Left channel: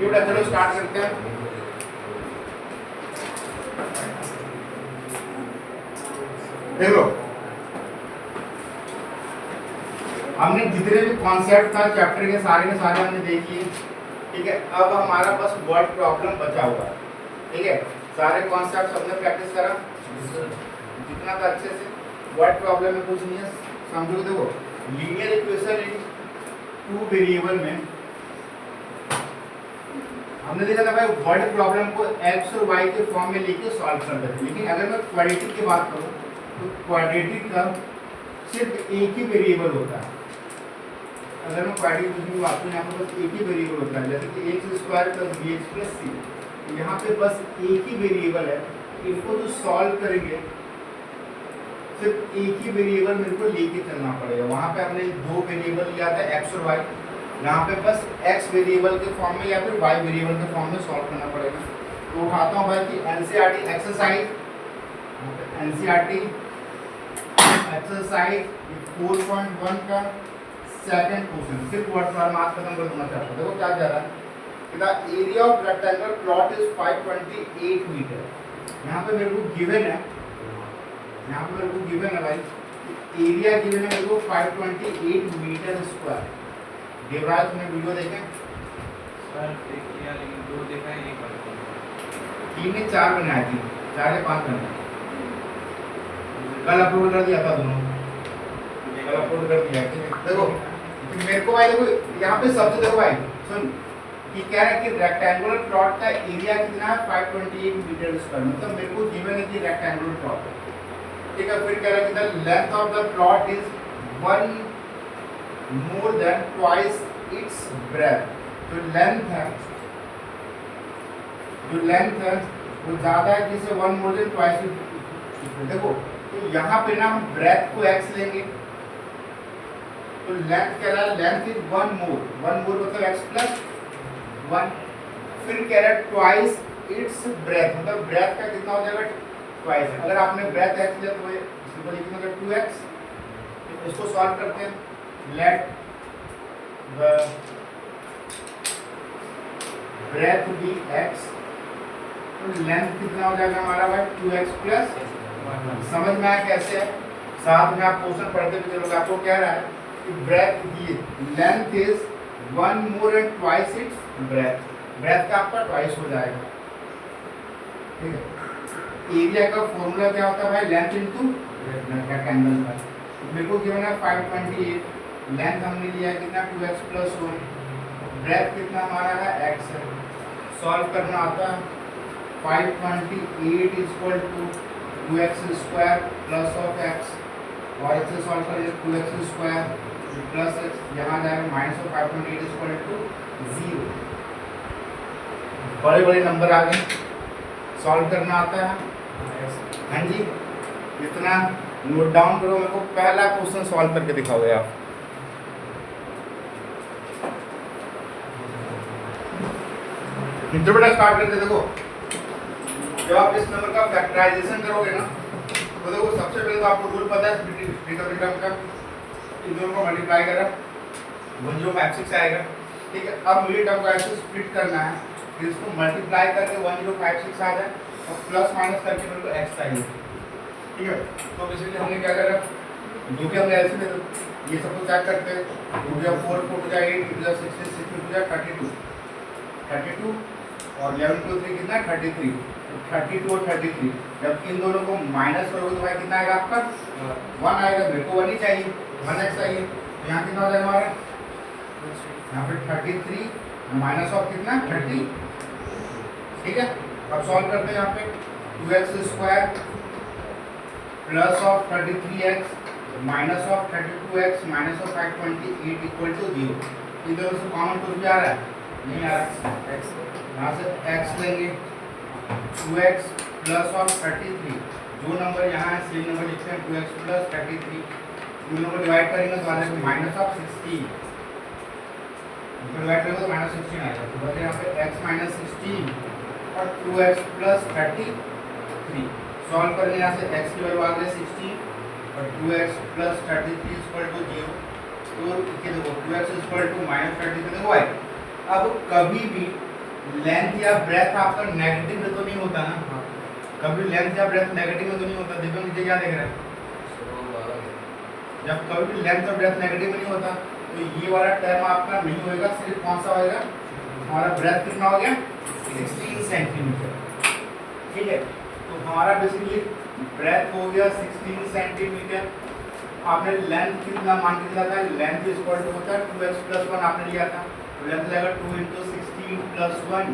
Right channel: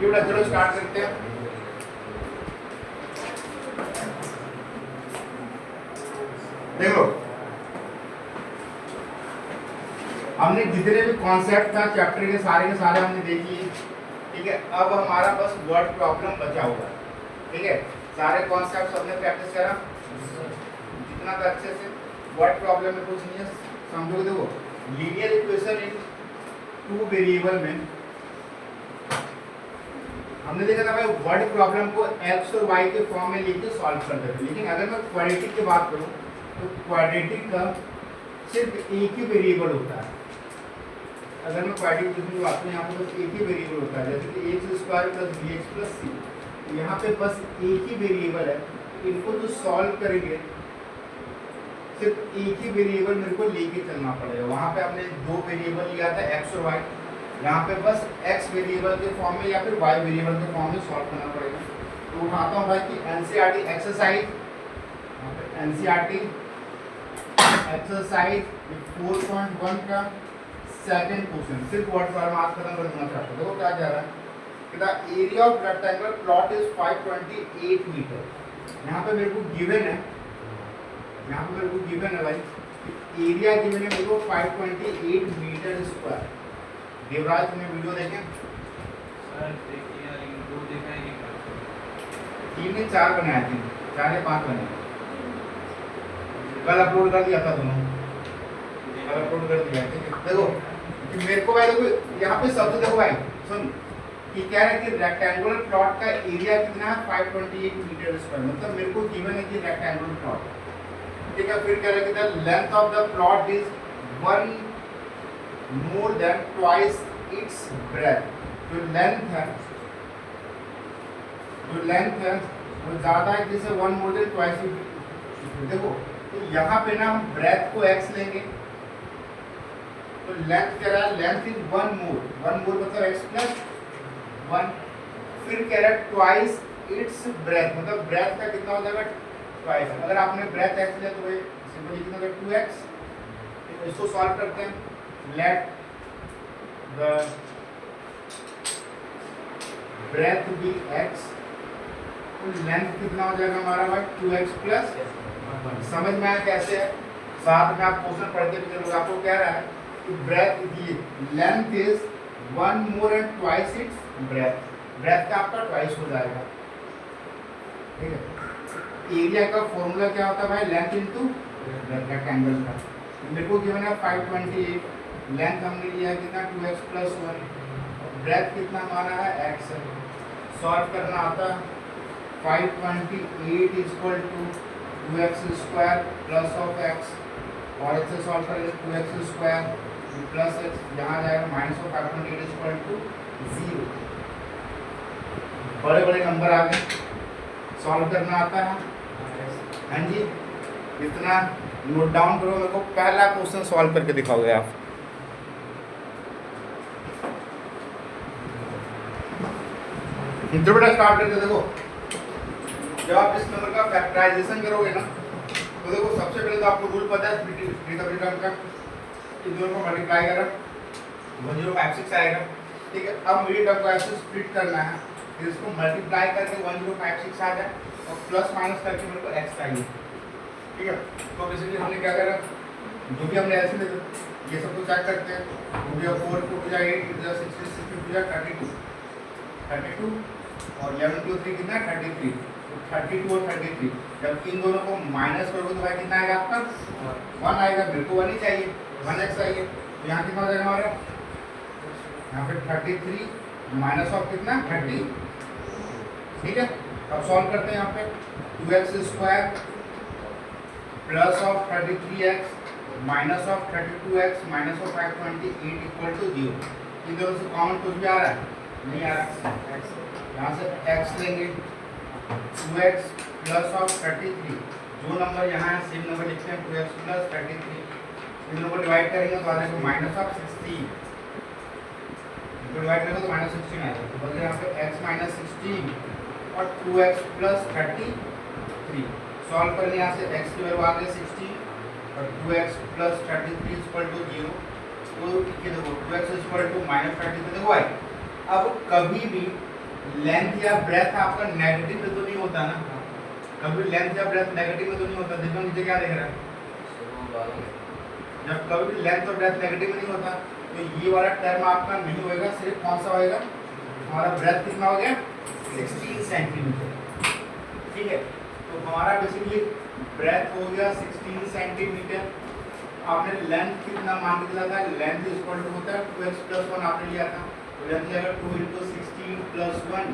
बेटा चलो स्टार्ट करते हैं। देखो हमने जितने भी कॉन्सेप्ट था चैप्टर के सारे हमने देख लिए, ठीक है। अब हमारा बस वर्ड प्रॉब्लम बचा हुआ है, ठीक है। सारे कॉन्सेप्ट हमने प्रैक्टिस करा जितना था अच्छे से। वर्ड प्रॉब्लम में कुछ नहीं है, समझो। देखो linear equation in two variable में हमने देखा था भाई वर्ड प्रॉब्लम को एक्स और वाई के फॉर्म में लिख के सॉल्व कर देते हैं। लेकिन अगर मैं क्वाड्रेटिक की बात करूं तो क्वाड्रेटिक का सिर्फ एक ही वेरिएबल होता है। अगर मैं क्वाड्रेटिक की बात करूं यहाँ पर बस एक ही वेरिएबल होता है, जैसे कि x square plus b x plus c. यहाँ पे बस एक ही वेरिएबल है, इनको जो सॉल्व करेंगे सिर्फ एक ही वेरिएबल मेरे को लेके चलना पड़ेगा। वहाँ पे हमने दो वेरिएबल लिया था एक्स और वाई, यहाँ पे बस x वेरिएबल के फॉर्म में या फिर y वेरिएबल के फॉर्म में सॉल्व करना पड़ेगा। तो उठाता हूँ भाई कि एनसीईआरटी एक्सरसाइज 4.1 का सेकंड क्वेश्चन, सिर्फ वर्ड प्रॉब्लम आज खत्म कर देना चाहता हूँ। देखो क्या कह रहा है, area of rectangular plot is 528 metre. यहाँ पे मेरे को गिवन है, यहाँ पे मेरे को गिवन है भाई एरिया गिवन है मेरे को 528 मीटर स्क्वायर। देवराज ने वीडियो देखे सर देख लिया लेकिन दो देखा ही नहीं पाया। 3 ने 4 बनाए थे, 4 ने 5 बनाए, कल अपलोड कर दिया था दोनों, कल अपलोड कर दिया। ठीक है देखो कि मेरे को भाई देखो यहाँ पे सबसे देखो भाई सुन कि क्या है कि रेक्टेंगुलर प्लॉट का एरिया कितना है 528 मीटर स्क्वायर। मतलब मेरे को गिवन है कि रेक्टेंगुलर प्लॉट, ठीक है। फिर कह रहा है कि the length of the plot is 1 more than twice its breadth। जो लेंथ है वो ज्यादा है किसे 1 more than twice its। देखो तो यहाँ पे ना हम ब्रेथ को x लेंगे तो लेंथ कह रहा है लेंथ इज 1 more मतलब x प्लस 1। फिर कह रहा है ट्वाइस इट्स ब्रेथ, मतलब ब्रेथ का कितना हो जाएगा ट्वाइस। अगर आपने ब्रेथ x लिया तो सिंपल लिखना 2x। इसको सॉल्व करते हैं। Let the breadth be x, तो लेंथ कितना हो जाएगा हमारा भाई 2x प्लस। समझ में आया कैसे है, साथ में आप क्वेश्चन पढ़ते भी चलोगे। आपको कह रहा है कि breadth the length is 1 more and twice its breadth, breadth का आपका ट्वाइस हो जाएगा, ठीक है। एरिया का फॉर्मूला क्या होता है भाई लेंथ इनटू रेक्टेंगल का। मेरे को गिवन है 528, लेंथ हमने लिया कितना 2x प्लस 1, ब्रेथ कितना हमारा है x है। सॉल्व करना आता है 528 equal to 2x square plus of x, और इसे सॉल्व करेंगे 2x स्क्वायर प्लस x, यहाँ जाएगा माइनस ऑफ 528 इक्वल टू 0। बड़े बड़े नंबर आ गए, सॉल्व करना आता है। हाँ जी, इतना नोट डाउन करो, मेरे को पहला क्वेश्चन सॉल्व करके दिखाओगे आप। बेटा स्टार्ट करते। देखो जब आप इस नंबर का फैक्टराइजेशन करोगे ना तो देखो सबसे पहले तो आपको रूल पता है ट्रिग्नोमेट्री का, इन दोनों को मल्टीप्लाई करा 1056 आएगा, ठीक है। अब मिडिल टर्म को ऐसे स्प्लिट करना है, फिर इसको मल्टीप्लाई करके 1056 आ जाए और प्लस माइनस करके मेरे को x चाहिए, ठीक है। तो इसलिए हमने क्या करा, जो भी हमने ऐसे दे दो ये सब को चेक करते हैं। 2 4 4 8 6 6 32 और 11 2 3 कितना है 33, 32 और 33। जब इन दोनों को माइनस करोगे तो भाई कितना आएगा आपका 1 आएगा। मेरे को 1 ही चाहिए, 1x चाहिए, तो यहाँ कितना हो जाएगा हमारा, यहाँ पे 33 माइनस ऑफ कितना 30, ठीक है। अब सॉल्व करते हैं। यहाँ पे 2x square plus of 33x minus of 32x minus of 528 equal to 0। इन दोनों से कॉमन कुछ भी आ रहा है नहीं आ रहा, यहाँ से x लेंगे 2x प्लस ऑफ 33, जो नंबर यहाँ है सेम नंबर लिखते हैं 2x प्लस 33। इन दोनों को डिवाइड करेंगे तो आ जाएगा माइनस ऑफ 16, डिवाइड करेंगे तो माइनस 16 आएगा। तो बचे यहाँ पे x माइनस 16 और 2x प्लस 33। सॉल्व करेंगे यहाँ से x की वैल्यू आ गई 16 और 2x प्लस 33 इक्वल टू 0। तो देखो 2x इक्वल टू माइनस 33। देखो भाई अब कभी भी लेंथ या ब्रेथ आपका नेगेटिव में तो नहीं होता ना, कभी लेंथ या ब्रेथ नेगेटिव में तो नहीं होता। देखो नीचे क्या देख रहा है, जब कभी भी लेंथ और ब्रेथ नेगेटिव में नहीं होता तो ये वाला टर्म आपका नहीं होएगा, सिर्फ कौन सा होएगा, हमारा ब्रेथ कितना हो गया 16 सेंटीमीटर। ठीक है, तो हमारा बेसिकली ब्रेथ हो गया 16 सेंटीमीटर। आपने लेंथ कितना मान के चला था, लेंथ इज इक्वल टू होता है 2x + 1 आपने लिया था, तो लेंथ लगेगा 2 × 16 + 1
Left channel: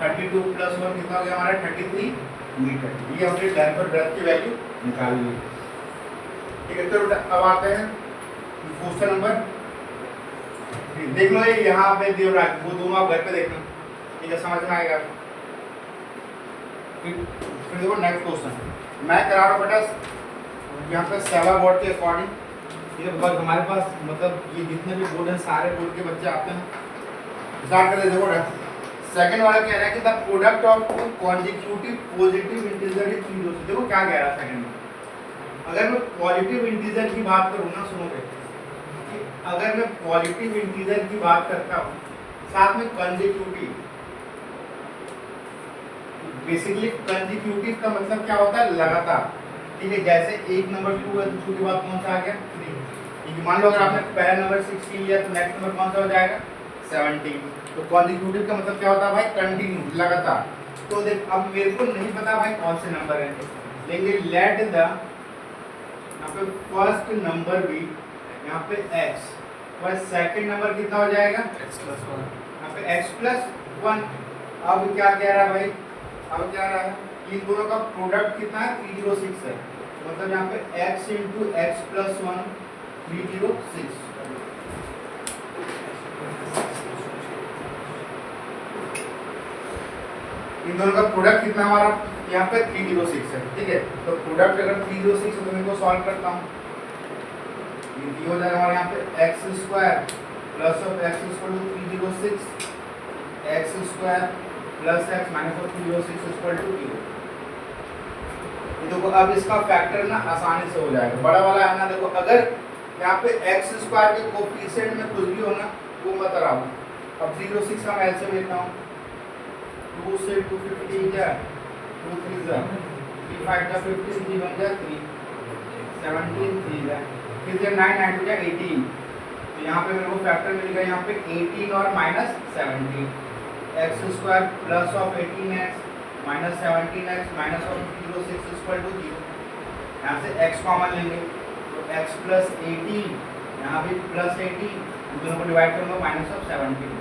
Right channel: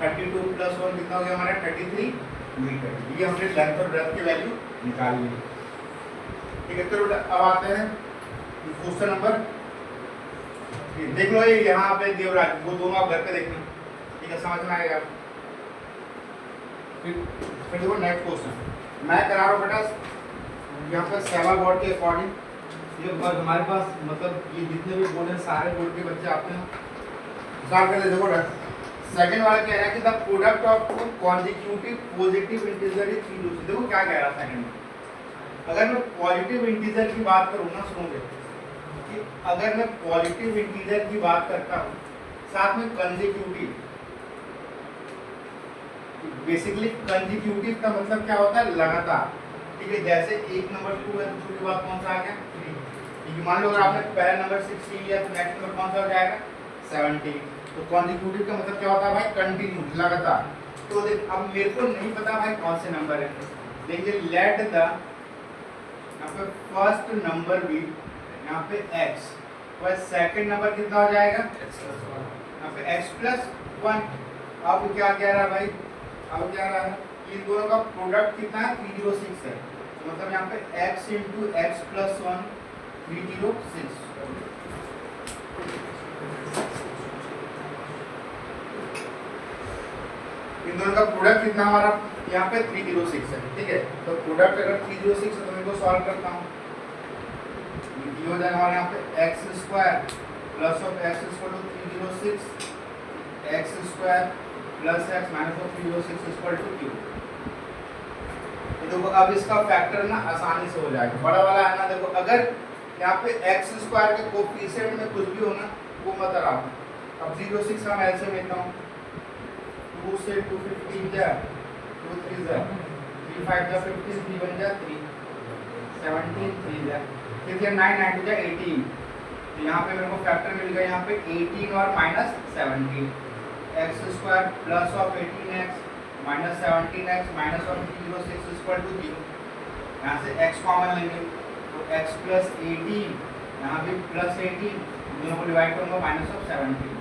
32 + 1 कितना हो गया हमारा 33 मीटर। ये हमने लेंथ और ब्रेथ की वैल्यू निकाल ली। ठीक है, तो अब आते हैं क्वेश्चन नंबर, देख लो ये यहाँ पे दिया रहा है, वो दोनों आप घर पे देखना, ठीक है, समझ में आएगा। फिर देखो नेक्स्ट क्वेश्चन मैं करा रहा हूँ बेटा, यहाँ पे 7 बोर्ड के अकॉर्डिंग ये बस हमारे पास मतलब ये जितने भी बोर्ड हैं सारे बोर्ड के बच्चे आते हैं। स्टार्ट कर देखो बेटा, सेकंड वाला कह रहा है कि the product of two consecutive positive integer is 3। देखो क्या कह रहा है सेकंड में, अगर मैं पॉजिटिव इंटीजर की बात करूँ ना, सुनोगे, अगर मैं पॉजिटिव इंटीजर की बात करता हूँ साथ में कंसेक्यूटिव, बेसिकली कंसेक्यूटिव का मतलब क्या होता है, लगातार। ठीक है, जैसे 1 नंबर 2 है, 2 के बाद कौन सा आ गया 3। ठीक है, मान लो अगर आपने पहला नंबर 16 लिया तो नेक्स्ट नंबर कौन सा हो जाएगा 17। तो कंसेक्यूटिव का मतलब क्या होता है भाई, कंटिन्यू, लगातार। तो देख अब मेरे को नहीं पता भाई कौन से नंबर है, लेकिन लेट द यहाँ पे फर्स्ट नंबर भी यहाँ पे x, और सेकंड नंबर कितना हो जाएगा यहाँ पे x + 1। अब क्या कह रहा है भाई, अब क्या रहा है, इन दोनों का प्रोडक्ट कितना है 306 है, मतलब यहाँ पे x × x + 1 306। इन दोनों का प्रोडक्ट कितना हमारा यहाँ पे 306 है। ठीक है, तो प्रोडक्ट अगर 306 है तो मैं इनको सॉल्व करता हूँ, ये हो जाएगा हमारे यहाँ पे x² + x = 306 x² + x - 306 = 0। देखो अब इसका फैक्टर ना आसानी से हो जाएगा, बड़ा वाला है ना। देखो अगर यहाँ पे x² के कोफिशिएंट में कुछ भी हो ना वो मत कराओ। अब 306 का मैं ऐसे लेता हूँ, 2 से 250 जा 2 3 जा 3 5 जा 50 3 बन जा 3 17 3 जा फिर जब 9 9 जा 18। तो यहाँ पे मेरे को फैक्टर मिल गया यहाँ पे 18 और -17 x² + 18x - 17x - 306 = 0। यहाँ से x कॉमन लेंगे तो x + 18 यहाँ भी +18, दोनों को डिवाइड करूँगा -17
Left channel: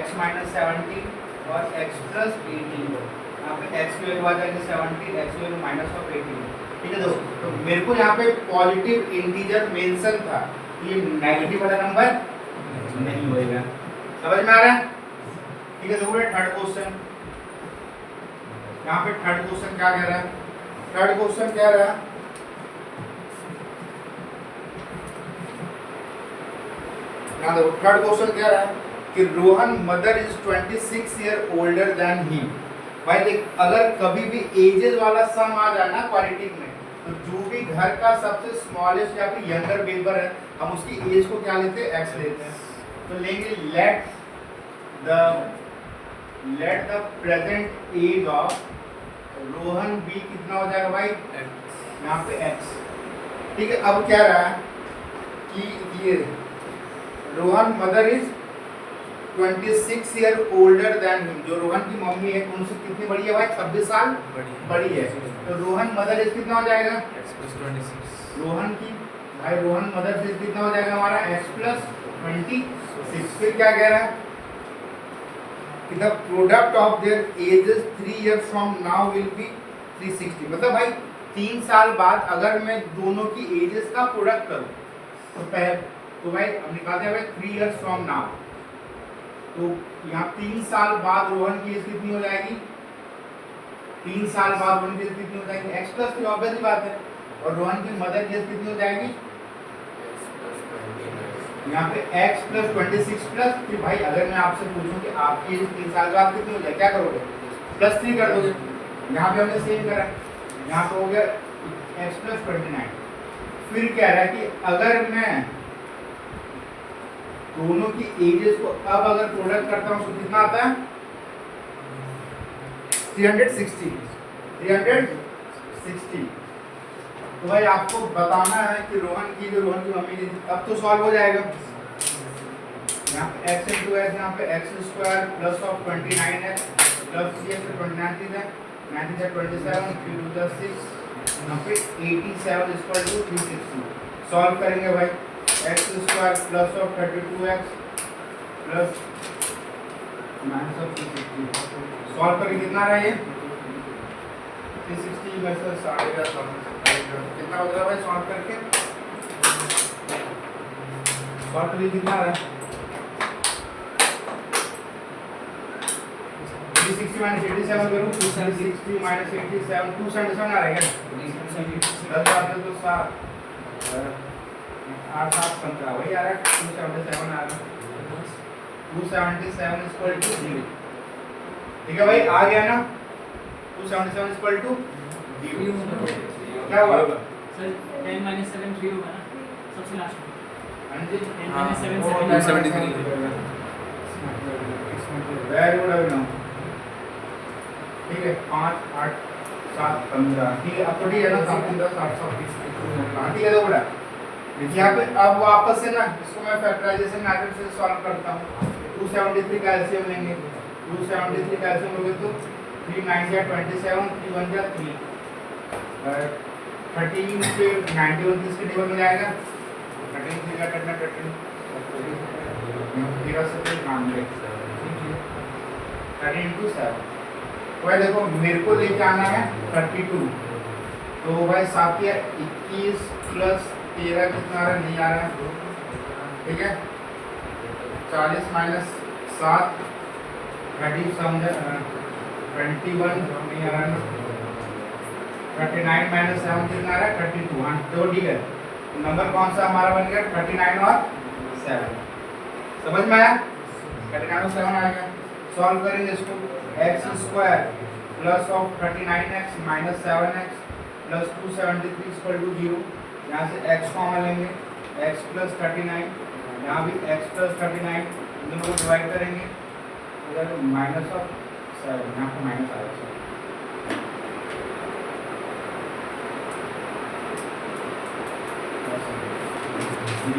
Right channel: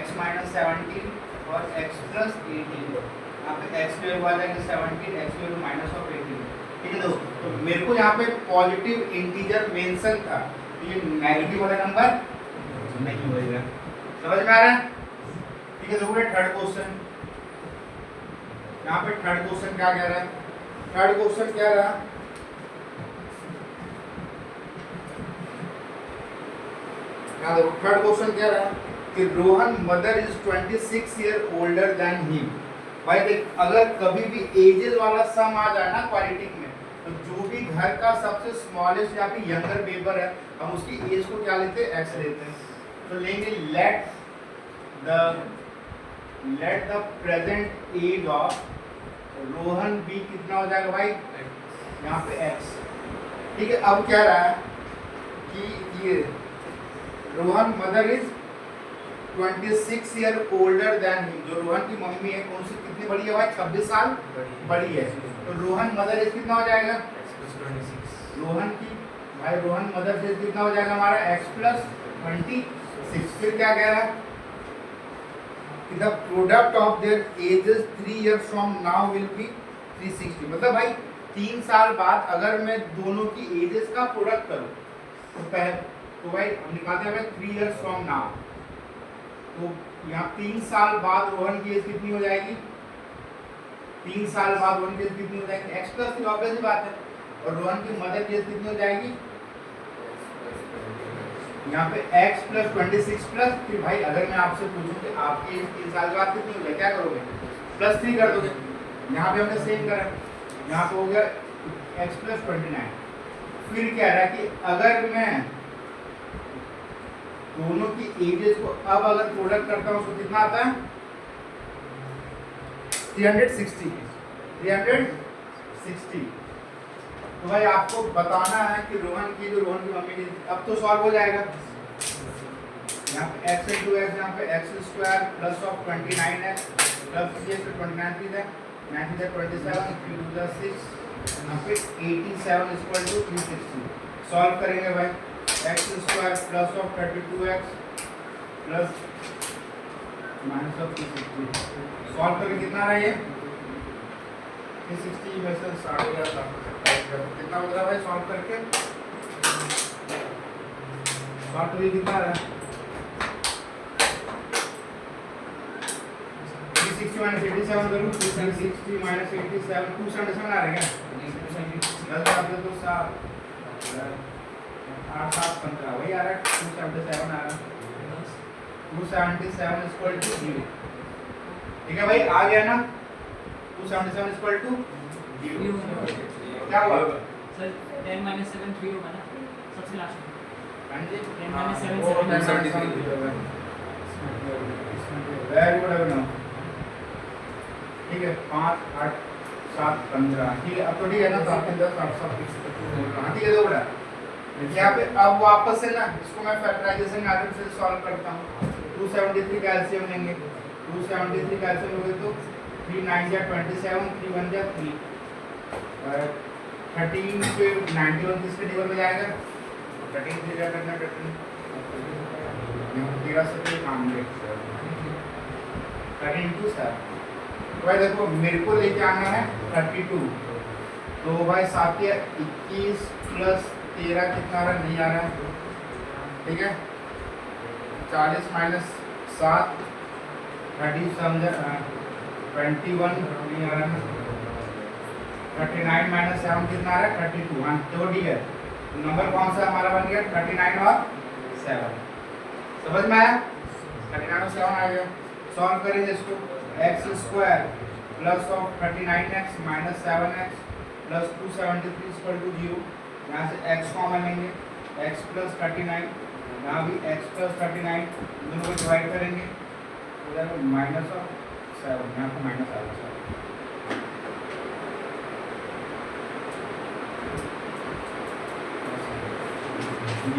x - 17 और x + 18। यहाँ पे x की वैल्यू आ जाएगी 17, x की वैल्यू -18। ठीक है दोस्तों, तो मेरे को यहाँ पे पॉजिटिव इंटीजर मेंशन था, ये नेगेटिव वाला नंबर नहीं होगा। समझ में आ रहा है? ठीक है, देखो थर्ड क्वेश्चन, यहाँ पे थर्ड क्वेश्चन क्या कह रहा है, थर्ड क्वेश्चन कह रहा है यहाँ देखो थर्ड क्वेश्चन कह रहा है कि Rohan mother is 26 year older than he. भाई देख, अगर कभी भी एजेस वाला सम आ जाए ना क्वालिटी में, तो जो भी घर का सबसे स्मॉलेस्ट या फिर यंगर मेंबर है हम उसकी एज को क्या लेते हैं, x लेते हैं। तो लेंगे let the present age of Rohan be कितना हो जाएगा भाई, यहाँ पे x। ठीक है, अब क्या रहा है कि ये Rohan mother is 26 year older than he, जो रोहन की मम्मी है उनसे कितनी बड़ी है भाई, 26 साल बड़ी है। तो रोहन मदर इज कितना हो जाएगा, रोहन की भाई रोहन मदर इज कितना हो जाएगा हमारा x + 26। फिर क्या कह रहा है कि the product of their edges 3 years from now will be 360। मतलब भाई 3 साल बाद अगर मैं दोनों की एजेस का प्रोडक्ट करूं तो भाई हम निकालते हैं भाई 3 इयर्स फ्रॉम नाउ। तो यहाँ 3 साल बाद रोहन की एज कितनी हो जाएगी, 3 साल बाद रोहन की एज कितनी हो जाएगी, x + 3 ऑब्वियस ही बात है। और रोहन की मदर की एज कितनी हो जाएगी, यहाँ पे x + 26 + फिर भाई अगर मैं आपसे पूछूं कि आपकी एज 3 साल बाद कितनी हो जाएगी, क्या करोगे, +3 कर दोगे। यहाँ पे हमने सेम करा, यहाँ पे हो गया x + 29। फिर कह रहा है कि अगर मैं दोनों की एजेस को अब अगर प्रोडक्ट करता हूँ तो कितना आता है 360 तो भाई आपको बताना है कि रोहन की मम्मी की अब तो सॉल्व हो जाएगा। यहाँ पे x into x यहाँ पे x square plus of 29x plus 3x से 29 है 9 से 27 3 to 6 यहाँ पे 87 इक्वल टू 360 सॉल्व करेंगे भाई x square plus of 32x plus minus of 360 solve करके कितना रहा ये 360 में से 11.5 कितना बच रहा है सॉल्व करके सॉल्व करके कितना आ रहा है 360 माइनस 87 करूं 360 माइनस 87 277 आ रहा है क्या 10 आते तो 7 8 7 15 वही आ रहा है 277 आ रहा है 277 इक्वल टू 0 ठीक है भाई आ गया ना 277 इक्वल टू 0 क्या हुआ सर 10 - 7 3 होगा ना सबसे लास्ट में। हां जी 10 - 7 73 वेरी गुड अभिनव ठीक है 5 8 7 15 ठीक है अब तो ठीक है ना 7 10 8 7 ठीक है तो बड़ा देखिए यहाँ पे अब वापस से ना इसको मैं फैक्टराइजेशन मेथड से सॉल्व करता हूँ 273 कैल्शियम लेंगे 273 कैल्शियम लोगे तो 3 9 जा 27 3 1 जा 3 13 से 91 किसके टेबल में जाएगा 13 3 का 13 13 से 91 13 into 7 भाई देखो मेरे को लेके आना है 32 तो भाई साथ ही 21 प्लस 13 कितना आ रहा है नहीं आ रहा है ठीक है 40 माइनस 7 30 समझ 21 नहीं आ रहा है 39 माइनस 7 कितना आ रहा है 32 हाँ तो ठीक है नंबर कौन सा हमारा बन गया 39 और 7 समझ में आया 39 और 7 आ गया सॉल्व करेंगे इसको x square plus of 39x minus 7x plus 273 equal to 0 यहाँ से x कॉमन लेंगे x प्लस 39 यहाँ भी x प्लस 39 दोनों को डिवाइड करेंगे इधर माइनस ऑफ 7 यहाँ पर माइनस आ जाएगा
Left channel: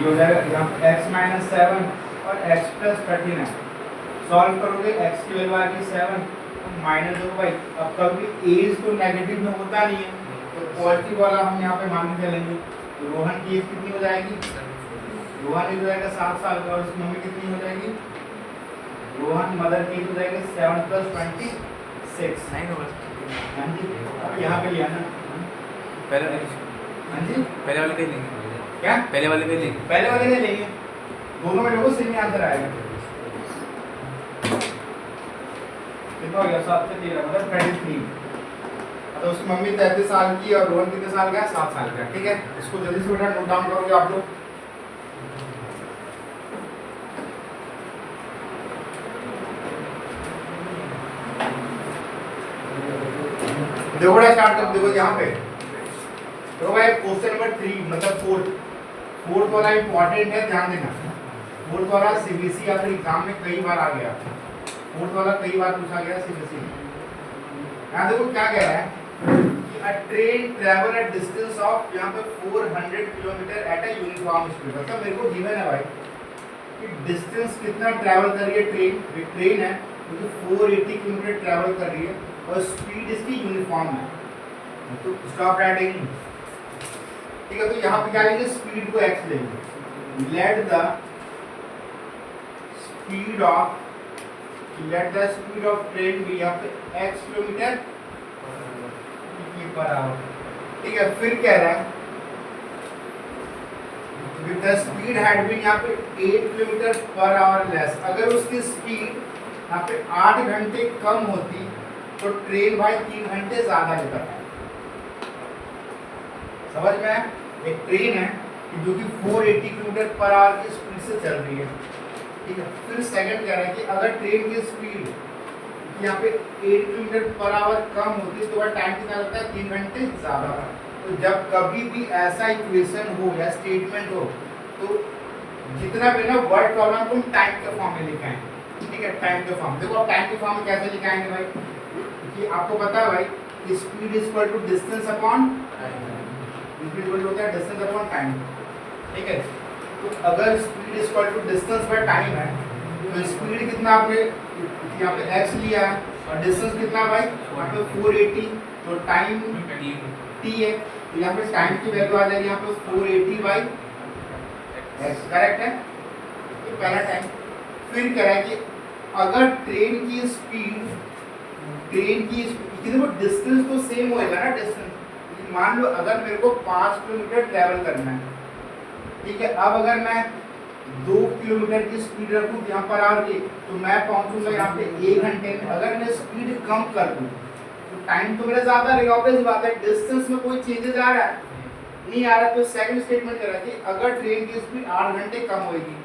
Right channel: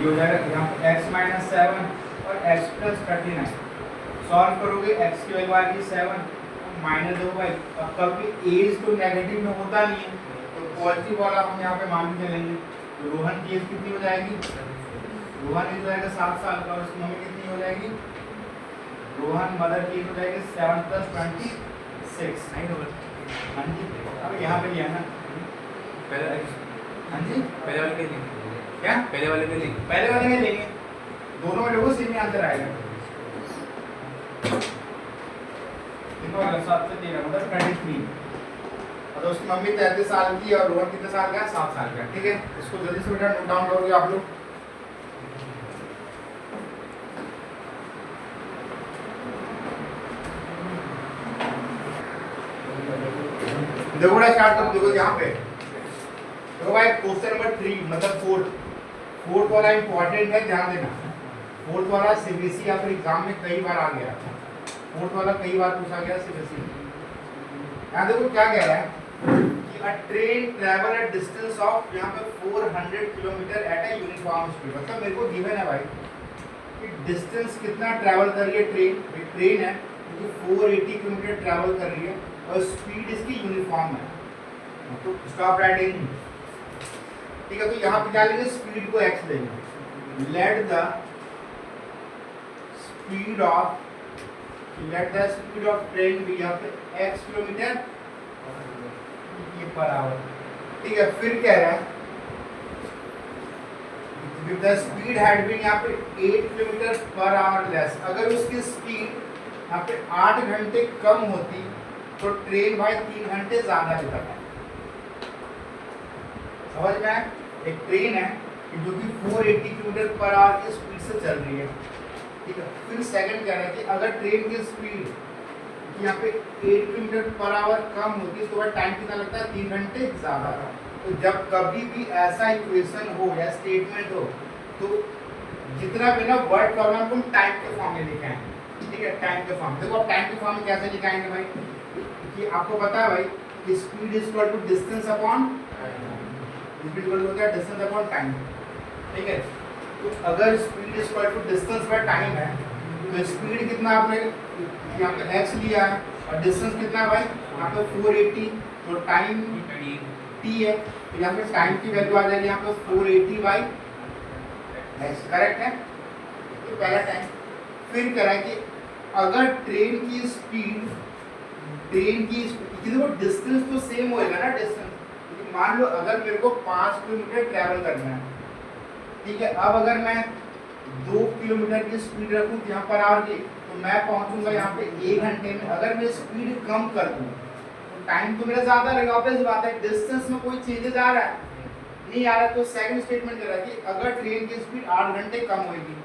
हो जाएगा यहाँ पे x माइनस 7 और x प्लस 39 सॉल्व करोगे x की वैल्यू आएगी 7 माइनस दो भाई अब कभी एज तो नेगेटिव में होता नहीं है तो पॉजिटिव वाला हम यहाँ पे मान के चलेंगे तो रोहन की एज कितनी हो जाएगी रोहन एज हो जाएगा 7 साल का और उसकी मम्मी कितनी हो जाएगी रोहन मदर की एज हो जाएगी 7 + 26 नहीं होगा हाँ जी अब यहाँ पे लिया ना पहले हाँ जी पहले वाले दे लेंगे क्या पहले वाले दे लेंगे पहले वाले में लेंगे दोनों में देखो सेम आंसर आएगा देखो 7 से 13 मतलब 33 तो उसकी मम्मी 33 साल की और रोहन कितने साल का है 7 साल का ठीक है इसको जल्दी से बेटा नोट डाउन करोगे आप लोग देखो बड़ा स्टार्ट कर देखो यहाँ पे देखो भाई क्वेश्चन नंबर 3 मतलब फोर्थ वाला इंपॉर्टेंट है ध्यान देना फोर्थ वाला सीबीएसई आपके एग्जाम में कई बार आ गया फोर्थ वाला कई बार पूछा गया सीबीएसई यहाँ देखो क्या कह रहा है a train travel at distance of यहाँ पे 400 kilometre at a uniform speed मतलब मेरे को गिवन है भाई कि डिस्टेंस कितना ट्रैवल कर रही है ट्रेन है जो 480 किलोमीटर ट्रैवल कर रही है और स्पीड इसकी यूनिफॉर्म है तो स्टॉप राइटिंग ठीक है तो यहाँ पे क्या लेंगे स्पीड को x लेंगे let the speed of train भी यहाँ पे x किलोमीटर पर आवर ठीक है फिर कह रहा है with the speed had been यहाँ पे 8 किलोमीटर पर आवर लेस अगर उसकी स्पीड यहाँ पे 8 घंटे कम होती तो ट्रेन भाई 3 घंटे ज्यादा लेता है समझ में आया एक ट्रेन है जो कि 480 किलोमीटर पर आवर की स्पीड से चल रही है ठीक है फिर सेकंड कह रहा है कि अगर ट्रेन की स्पीड यहाँ पे 8 किलोमीटर पर आवर कम होती है तो वह टाइम कितना लगता है 3 घंटे ज़्यादा तो जब कभी भी ऐसा इक्वेशन हो या स्टेटमेंट हो तो जितना भी ना वर्ड प्रॉब्लम तुम टाइम के फॉर्म में लिखाएं ठीक है टाइम के फॉर्म देखो अब टाइम के फॉर्म में कैसे लिखाएंगे भाई कि आपको पता है भाई speed is equal to distance upon speed equal होता है डिस्टेंस अपॉन टाइम, ठीक है। तो अगर speed is equal to distance by time है तो स्पीड कितना आपने यहाँ पे x लिया है और डिस्टेंस कितना भाई यहाँ पे 480, तो टाइम t है, तो यहाँ पे टाइम की वैल्यू आ जाएगी यहाँ पे 480 बाई x, करेक्ट है। तो पहला टाइम। फिर करा कि अगर ट्रेन की स्पीड देखो डिस्टेंस तो सेम होएगा ना, डिस्टेंस मान लो अगर मेरे को 5 किलोमीटर ट्रैवल करना है, ठीक है। अब अगर मैं 2 किलोमीटर की स्पीड रखूँ यहाँ पर आगे तो मैं पहुँचूंगा यहाँ पे 1 घंटे में। अगर मैं स्पीड कम कर दूँ तो टाइम तो मेरा ज़्यादा रहेगा, ऑब्वियस बात है। डिस्टेंस में कोई चेंजेस आ रहा है नहीं आ रहा, तो सेकंड स्टेटमेंट कह रहा है कि अगर ट्रेन की स्पीड 8 घंटे कम होगी,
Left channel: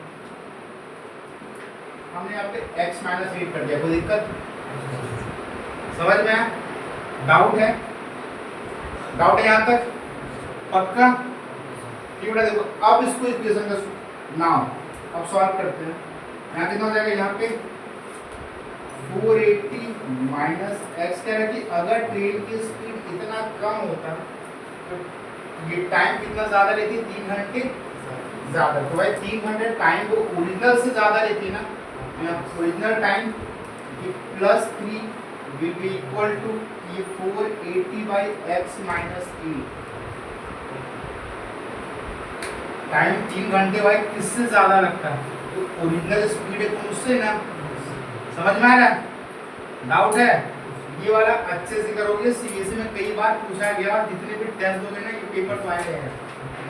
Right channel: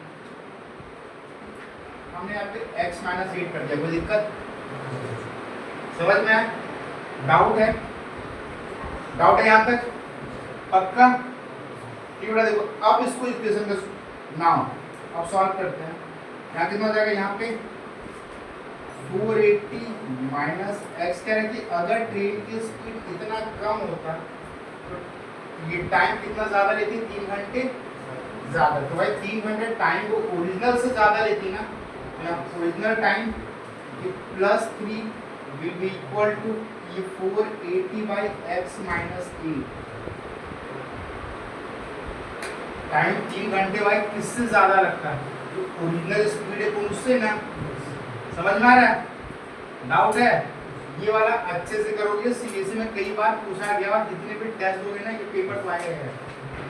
हमने यहाँ पे x माइनस 8 कर दिया, कोई दिक्कत समझ में आया? डाउट है? डाउट है यहाँ तक? पक्का? ठीक है। देखो अब इसको इक्वेशन का नाउ अब सॉल्व करते हैं। यहाँ कितना हो जाएगा, यहाँ पे 480 माइनस एक्स कह रहा है कि अगर ट्रेन की स्पीड इतना कम होता तो ये टाइम कितना ज़्यादा लेती, 3 घंटे ज़्यादा। तो भाई 3 घंटे टाइम को ओरिजिनल से ज़्यादा लेती ना, original time plus 3 will be equal to ये 480 बाई एक्स माइनस 8। टाइम 3 घंटे भाई किससे ज़्यादा लगता है, तो ओरिजिनल स्पीड है तो उससे ना। समझ में आ रहा है? डाउट है? ये वाला अच्छे से करोगे, सीबीएसई में कई बार पूछा गया, जितने भी टेस्ट दोगे ना ये पेपर तो आए हैं।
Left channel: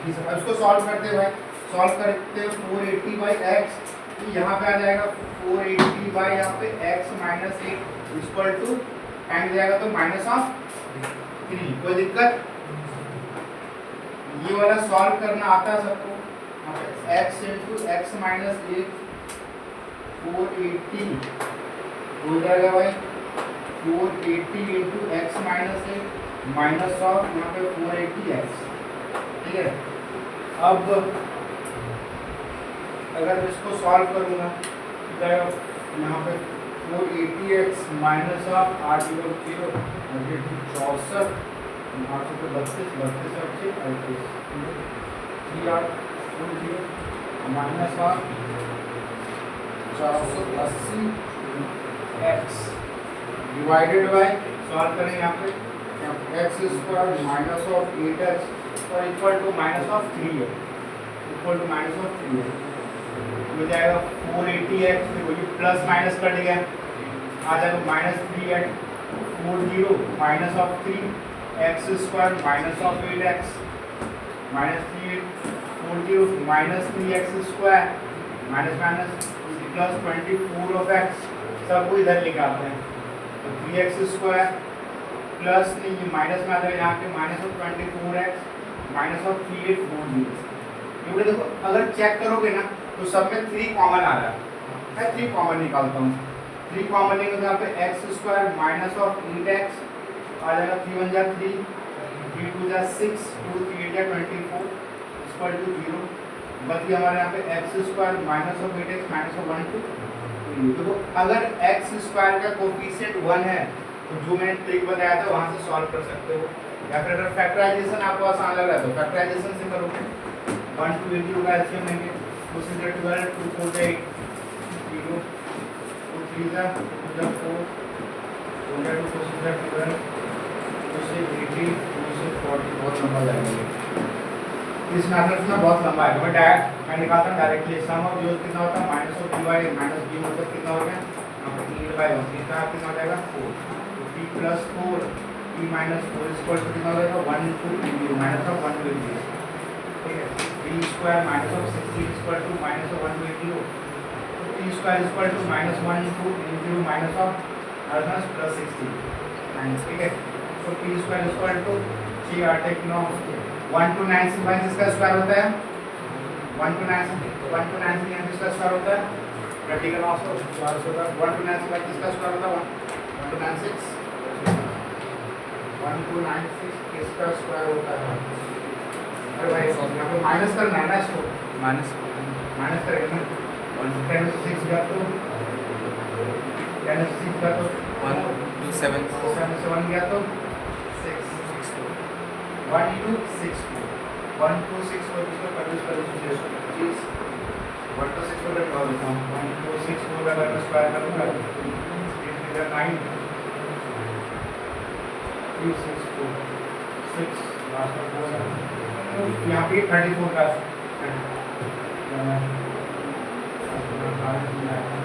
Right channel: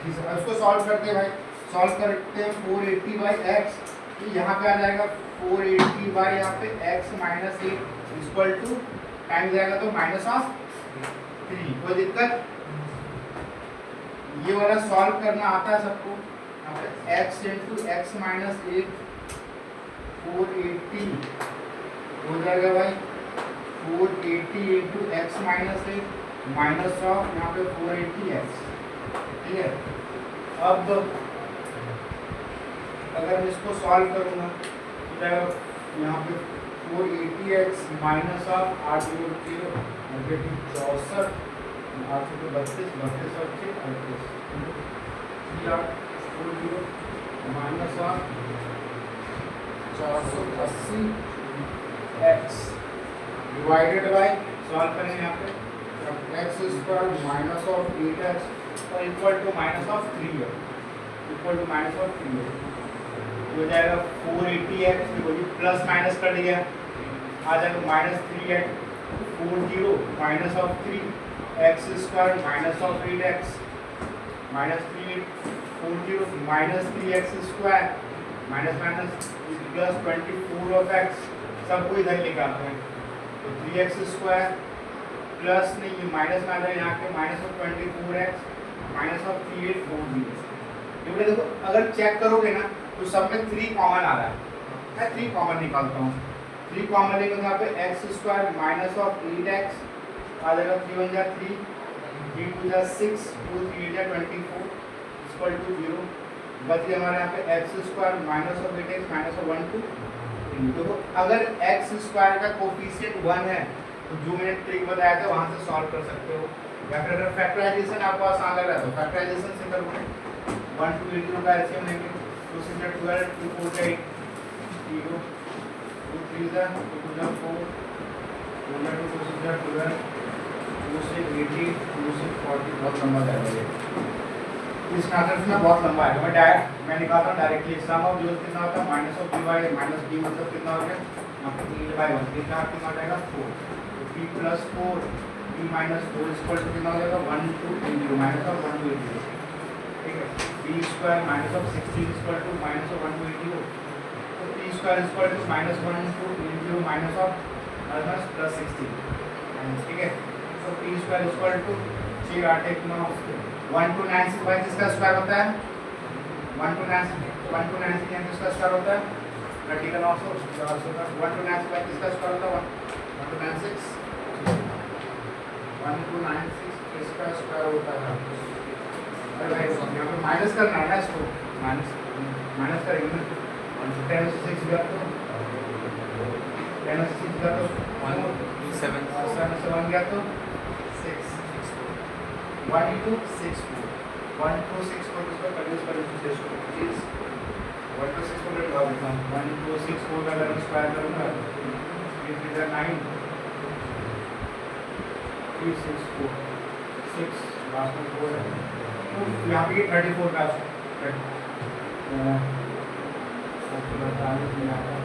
इसको सॉल्व करते हैं भाई, सॉल्व करते हैं 480 बाई एक्स, तो यहाँ पे आ जाएगा 480 बाई यहाँ पे x minus 8 equal to time जाएगा तो माइनस ऑफ 3। कोई दिक्कत? ये वाला सॉल्व करना आता है सबको। यहाँ पे एक्स इंटू एक्स माइनस 8 480 हो जाएगा भाई 480 into x minus 8 minus of यहाँ पे 480 एक्स, ठीक है। अब अगर इसको सॉल्व करूँगा तो यहाँ पे 480 एक्स माइनस ऑफ 8 0 64 8 को 32 32 38 minus of 480 x divided by solve करें यहाँ पे x square minus of 8x और इक्वल टू माइनस ऑफ 3 है, इक्वल टू माइनस ऑफ 3 है। हो जाएगा 480x, देखो ये प्लस माइनस कर दिया, आ जाएगा minus 3x 40 minus of 3 x square minus of 8x minus 3 40 minus 3x square minus minus plus 24 of x, सबको इधर निकालते हैं तो 3x स्क्वायर प्लस नहीं ये माइनस में आ जाएगा यहाँ पे minus of 24x minus of 3840। ये देखो अगर चेक करोगे ना तो सब में 3 कॉमन आ रहा है, मैं 3 कॉमन निकालता हूँ। 3 कॉमन लेंगे तो यहाँ पे x square minus of 8x आ जाएगा 3 1 जा 3 3 2 जा 6 2 3 जा 24 इक्वल टू 0। बच गया हमारे यहाँ पे x square minus of 8x minus of 1 2। देखो अगर एक्स स्क्वायर का कोफिशिएंट 1 है तो जो मैंने ट्रिक बताया था वहाँ से सॉल्व कर सकते हो, या फिर अगर फैक्टराइजेशन आपको आसान लग रहा है तो फैक्टराइजेशन से करोगे। 1 2 इंटू का एलसीएम लेंगे 2 6 जा 12 2 4 जा 8 0 2 3 जा 2 जा 4 2 जा 2 6 जा 12 2 से 80 2 से 40 बहुत लंबा जाएगा। इस मैथड में बहुत लंबा है, मैं निकालता हूँ डायरेक्टली। सम ऑफ जो कितना होता है minus of dy minus b मतलब कितना हो गया यहाँ पे 3/1 कितना कितना आ जाएगा 4 तो p plus 4 p minus 4 equal to कितना हो जाएगा 1 2 3 माइनस ऑफ 1 2 0, ठीक है। p square minus of 16 equal to minus of 1 2 0 तो p square equal to minus 1 2 0 minus of plus 16, ठीक है। तो p स्क्वायर इक्वल टू 6 8 1 9 1 2 9 से भाई किसका स्क्वायर होता है 1 2 9 से यहाँ किसका स्क्वायर होता है प्रैक्टिकल ऑल्सो 400 का 1 2 9 से भाई किसका स्क्वायर होता है 1 2 9 6 1 2 9 6 इसका स्क्वायर होता है। अरे भाई यहाँ पे माइनस करना है ना, इसको माइनस करेंगे ना 10 से 6 का तो 10 से 6 का तो 1 2 7 किया तो 6 1 into 6 4 1 to 6 4 इसको कंप्यूट करो 625 1 to 6 4 का होता है 1 into 6 4 का अगर स्क्वायर करूंगा 8 इधर 9 3 6 4 6 लास्ट में 4 है तो यहाँ पे 34 का अपना काम किया है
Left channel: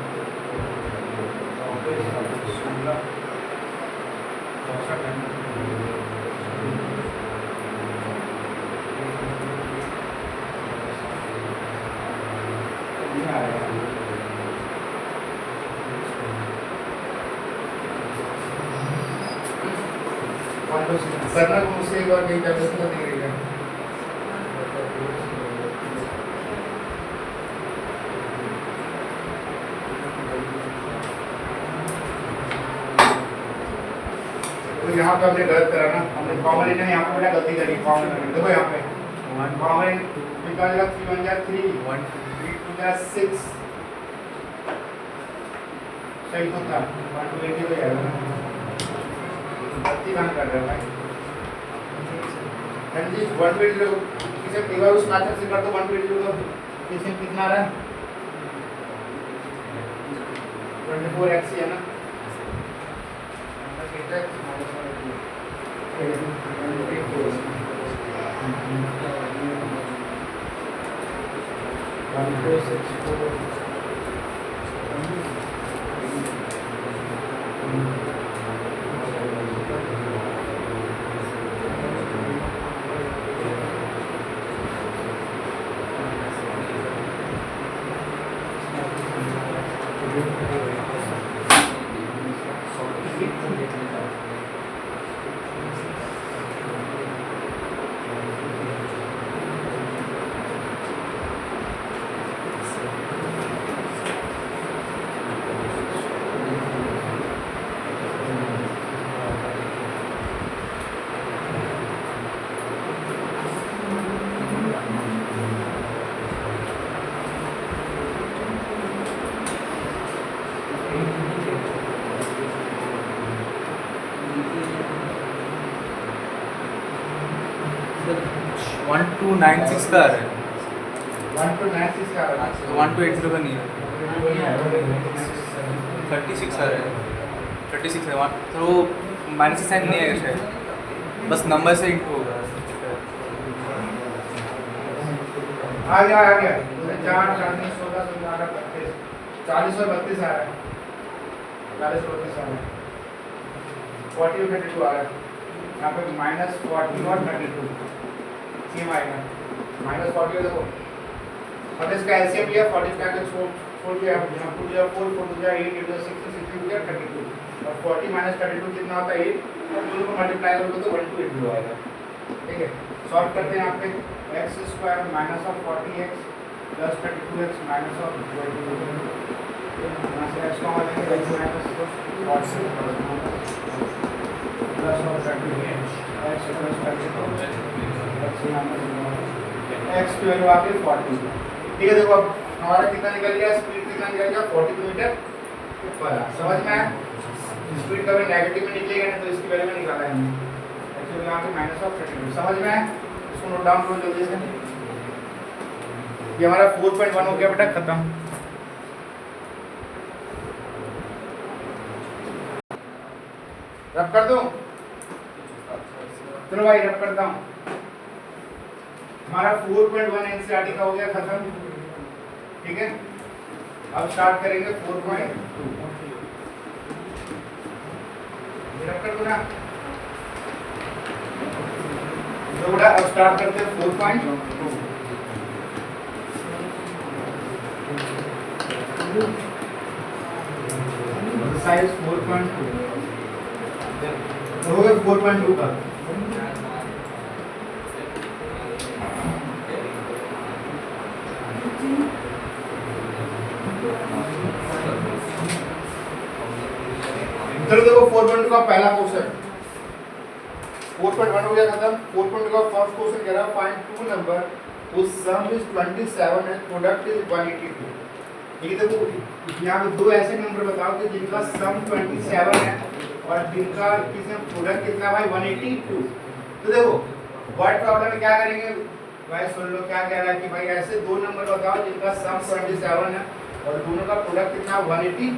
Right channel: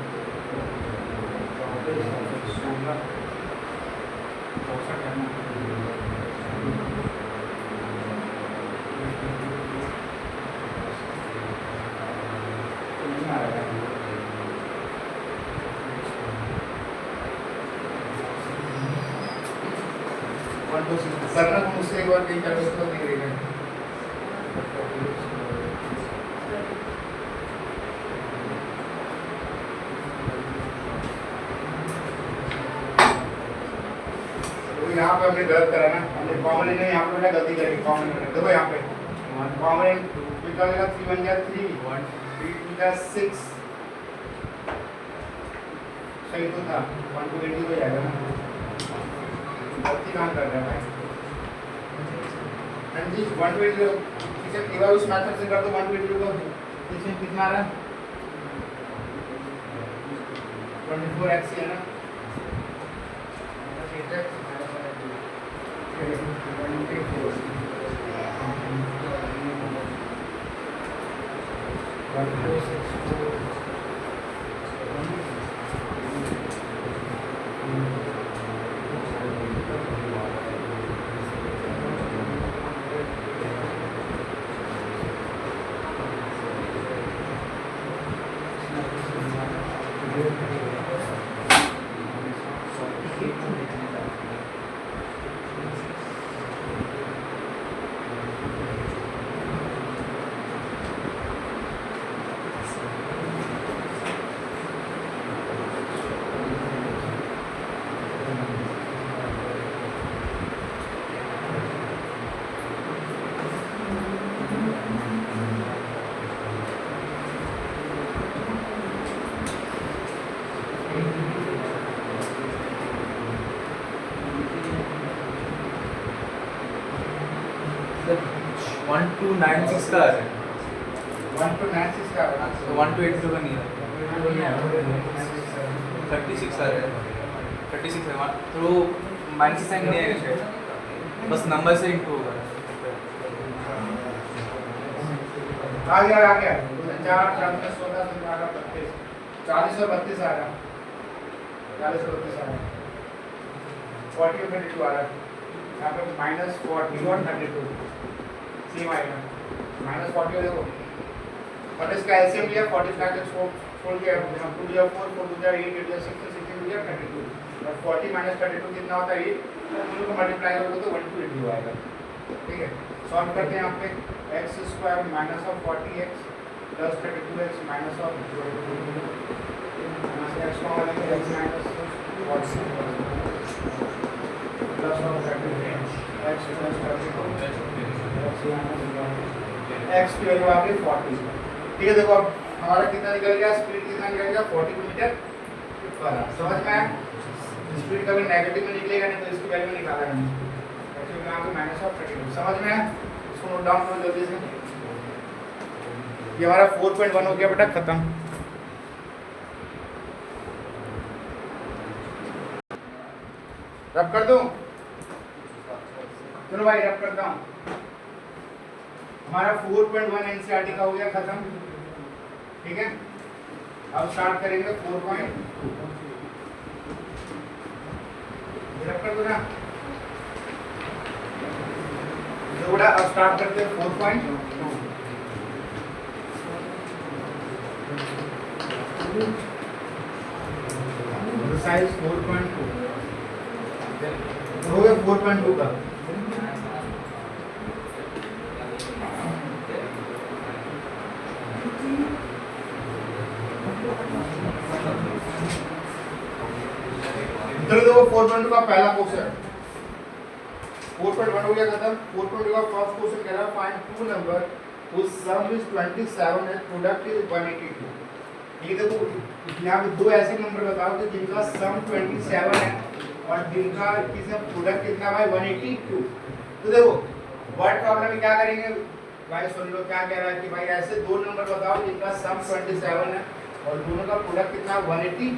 करना तो मुझसे एक बार कहीं करते तो नहीं रहेगा तो यहाँ पे हमने गलत करा ना हमने कॉमन ने यहाँ पे मैंने गलती करी कॉमन देखो यहाँ पे कॉमन निकालेगा 3 1 जा 3 1 3 2 जा 6 सही तो था 1 to 80 हो जाएगा ना गलती कहाँ कर रहा है भाई जी 1 to 80 इसे एक बार उस मेथड से कर दो 1 to 80 को इसमें कितना आ रहा है 24x है ना 1296 का आ रहा है 1 to 96 का आ रहा है तो 1280 का नहीं है 36 आ रहा है 36 है तो माइनस साइन नहीं आएगा शायद बस नंबर से इंटू होगा आ गया 4 4 में 16 17 32 40 और 32 आ रहा है 40 और 32 आ रहा है 40 और 32 आ रहा है यहाँ पे -40 और 32 सेम आएगा -40 और देखो और इसका एलसीएम लिया 45 का छोड़ दिया 4 4 4 दिया 8 8 6 6 दिया 32 और 40 32 कितना होता है 8 तो दोनों को मल्टीप्लाई करोगे तो 1 to 80 आएगा ठीक है सॉल्व करते हैं यहाँ पे x² -40x + 32x -x का हो जाएगा x -40 प्लस और 32x x + 32 x की वैल्यू आ गई 40 ठीक है देखो अब हमारा कितना निकल गया स्पीड कितना निकल गया 40 किलोमीटर पर समझ में आया स्पीड कभी नेगेटिव में निकलेगा नहीं तो इसकी वैल्यू में निकाला है हमने एक्चुअली यहाँ पे -32 समझ में आया इसको नोट डाउन करो जल्दी से ये हमारा 4.1 हो गया बेटा खत्म रब कर दूं चलो भाई रब करता हूँ हमारा 4.1 एनसीईआरटी का हो गया खत्म ठीक है अब स्टार्ट करेंगे 4.2 रब कर दो ना तो बेटा अब स्टार्ट करते हैं 4.2 साइज 4.2 हो गया 4.2 का चलो देखो 4.2 का पहला क्वेश्चन 4.1 हो गया खत्म 4.2 का फर्स्ट क्वेश्चन कह रहा है find two number whose sum is 27 and product is 182 ये देखो यहाँ पे दो ऐसे नंबर बताओ कि जिनका सम 27 है और जिनका किसमें प्रोडक्ट कितना भाई 182। तो देखो वर्ड प्रॉब्लम में क्या करेंगे भाई, सुन लो क्या कह रहा है कि भाई ऐसे दो नंबर बताओ जिनका सम 27 है और दोनों का प्रोडक्ट कितना 182।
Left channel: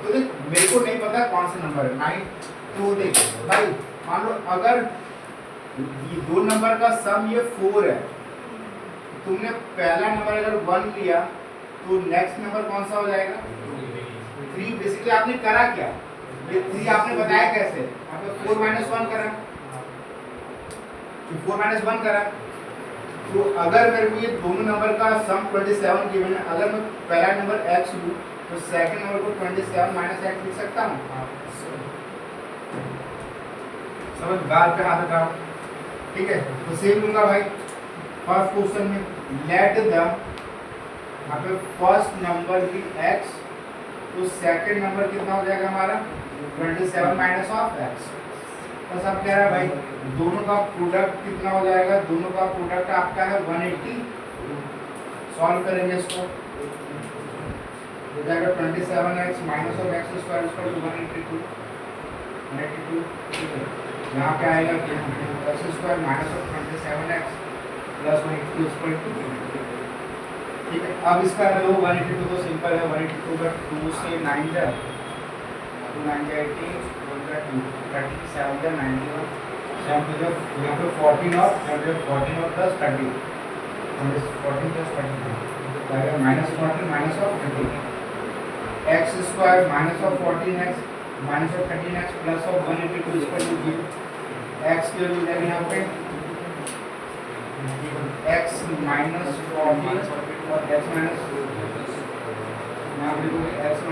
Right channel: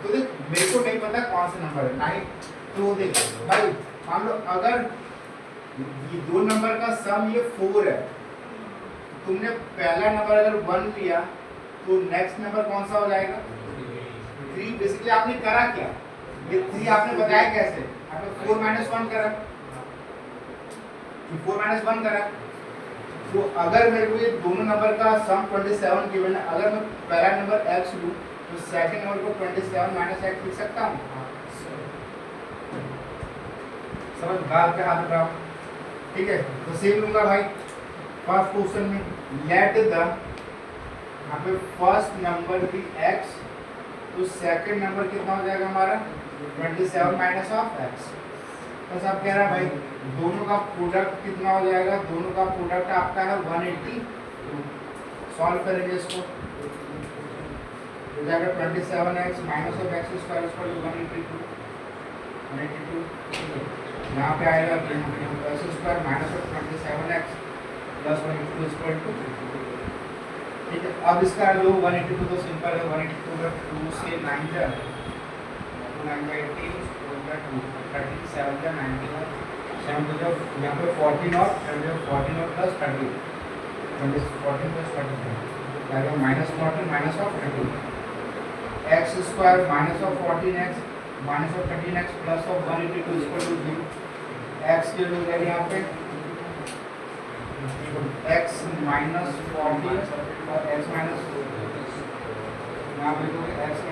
तो देख मेरे को नहीं पता कौन सा नंबर है 9। तो देख भाई मान लो अगर ये दो नंबर का सम ये 4 है, तुमने पहला नंबर अगर 1 लिया तो नेक्स्ट नंबर कौन सा हो जाएगा 3। बेसिकली आपने करा क्या, ये 3 आपने बताया कैसे, आपने 4 - 1 करा, 4 - 1 करा। तो अगर मेरे को ये दोनों नंबर का सम 27 गिवन है, अगर मैं पहला नंबर x लूं तो सेकंड नंबर को 27 - x लिख सकता हूं। समझ बात पे हाथ उठाओ, ठीक है। तो सेम लूंगा भाई फर्स्ट क्वेश्चन में लेट द यहाँ पे फर्स्ट नंबर की x, तो सेकंड नंबर कितना हो जाएगा हमारा 27 - x। तो सब कह रहा है भाई दोनों का प्रोडक्ट कितना हो जाएगा, दोनों का प्रोडक्ट आपका है 180। सॉल्व करेंगे इसको, हो जाएगा 27x - x² = 182। यहाँ पे आएगा x² - 27x + 182 = 2। ठीक है, अब इसका लो 182 तो सिंपल है, 182 का 2 से 9 जा 9 जा 18 37 जा 9 7 तो जब यहाँ पे 14 और 14 और प्लस 30 14 प्लस 30 आएगा -40 - 30 x² - 14x - 13x plus 182 = 0। x के लिए जाएगा यहाँ पे x - 40 और x - यहाँ पे x -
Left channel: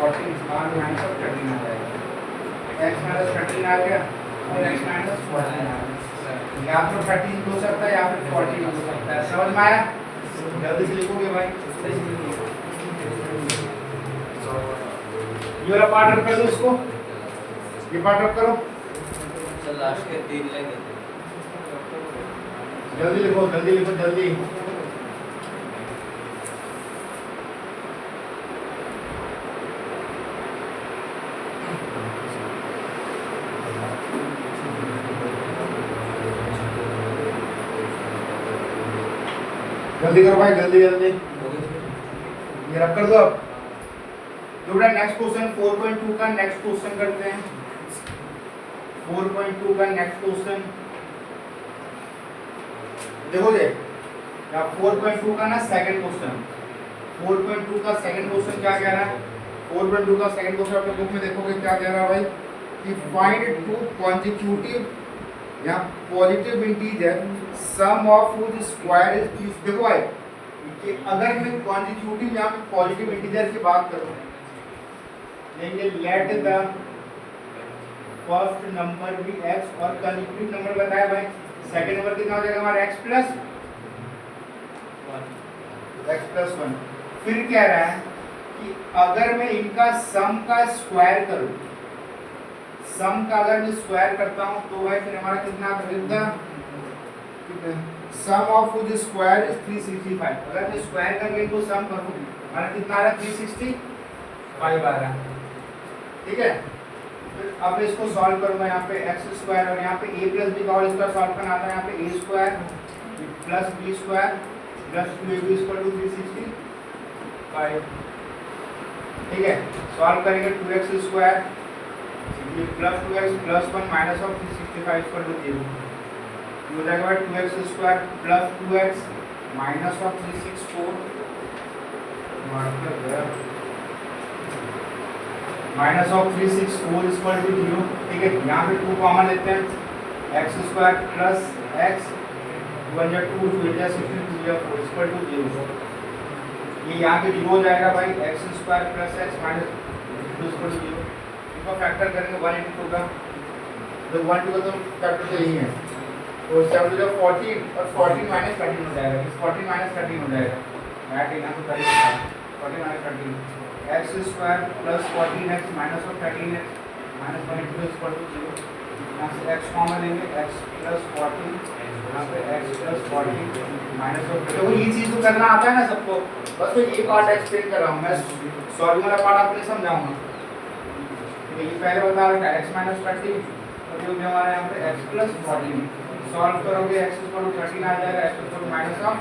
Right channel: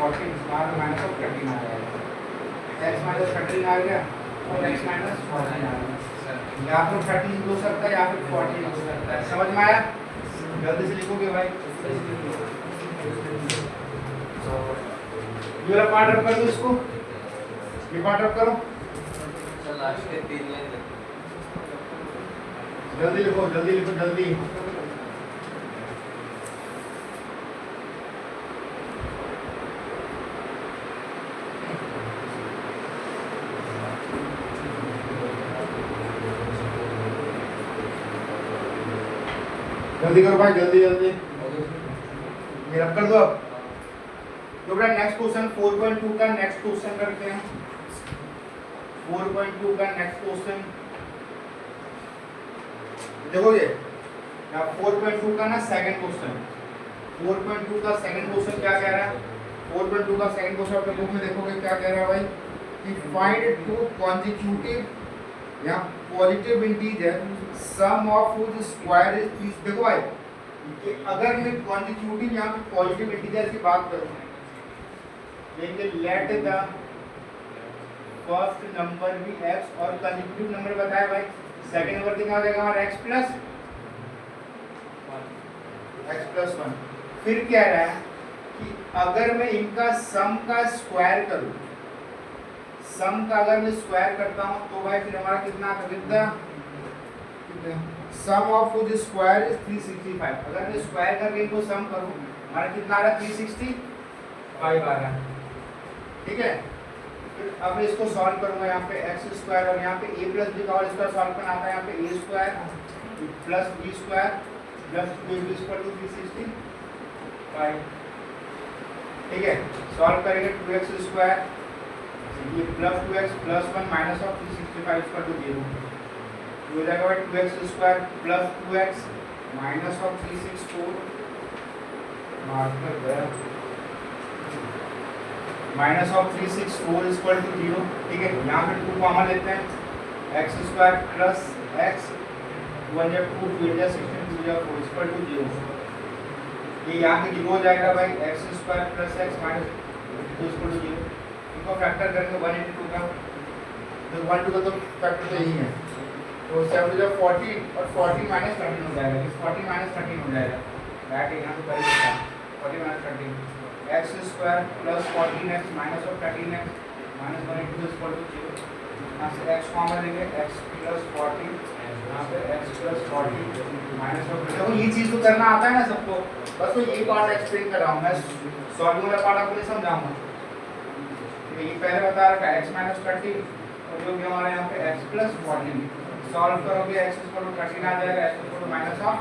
40 - 13 आ जाएगा, x - 13 आ गया और x - 14 आ गया। या तो 13 हो सकता है या फिर 14 हो सकता है। समझ में आया, जल्दी से लिखोगे भाई। ये वाला पार्ट रख कर दो, इसको ये पार्ट रख करो, लास्ट के 3 लेंगे। जल्दी लिखो जल्दी लिखो जल्दी। जल्दी करो भाई जल्दी जल्दी, ये रख कर दो। अब तो बेटा नेक्स्ट क्वेश्चन 4.2 का नेक्स्ट क्वेश्चन करते हैं। 4.2 का नेक्स्ट क्वेश्चन देखोगे, 4.2 का ना सेकंड क्वेश्चन, 4.2 का सेकंड क्वेश्चन क्या कह रहा है, 4.2 का सेकंड क्वेश्चन अपने बुक में देखोगे क्या कह रहा है भाई कि फाइंड टू कॉन्जिक्यूटिव या positive integer sum of which square is 30। देखो भाई कि अगर मैं कॉन्जिक्यूटिव या पॉजिटिव इंटीजर की बात करूं, लेंगे लेट द फर्स्ट नंबर भी x और कॉन्जिक्यूटिव नंबर बताया भाई, सेकंड नंबर कितना हो जाएगा हमारा x + 1। फिर कह रहा है कि अगर मैं इनका सम का स्क्वायर करूं, सम का अगर मैं स्क्वायर करता हूं तो भाई फिर हमारा कितना कितना सम ऑफ व्हिच स्क्वायर इज 365। अगर मैं स्क्वायर करके इनको सम करूं हमारा कितना आ रहा है 365 आ रहा है। ठीक है, फिर अब इसको सॉल्व करूंगा, यहाँ पे x² और यहाँ पे a + b का होल स्क्वायर सॉल्व करना आता है, यहाँ पे a² + b² + 2ab = 365। ठीक है, सॉल्व करेंगे 2x² ये +2x + 1 - 365 = 0। हो जाएगा भाई 2x² + 2x - 364 -364 = 0। ठीक है, यहाँ पे 2 कॉमन लेते हैं, x² + x 1 या 2 2 या 62 या 4 = 0। ये यहाँ पे 0 हो जाएगा भाई, x² + x - 2 = 0। इसको फैक्टर करेंगे 182 का, तो 1 2 का तो फैक्टर तो यही है, तो 7 = 40 और 40 - 13 हो जाएगा, इस 40 - 13 हो जाएगा, बैठ यहाँ तो कर ही सकता है 40 - 13 x² + 14x - 13x - 182 = 0। यहाँ से x कॉमन लेंगे, x + 14 यहाँ पे x + 14 - तो ये चीज़ तो करना आता है ना सबको, बस तो ये पार्ट एक्सप्लेन कर रहा हूँ मैं, सॉल्विंग वाला पार्ट आपको समझाऊंगा। ठीक है, ये पहले बता रहा था x माइनस 30 और जो भी हमारे यहाँ पे x प्लस 14 सॉल्व करोगे x इक्वल टू 13 आ जाएगा, x equal to minus of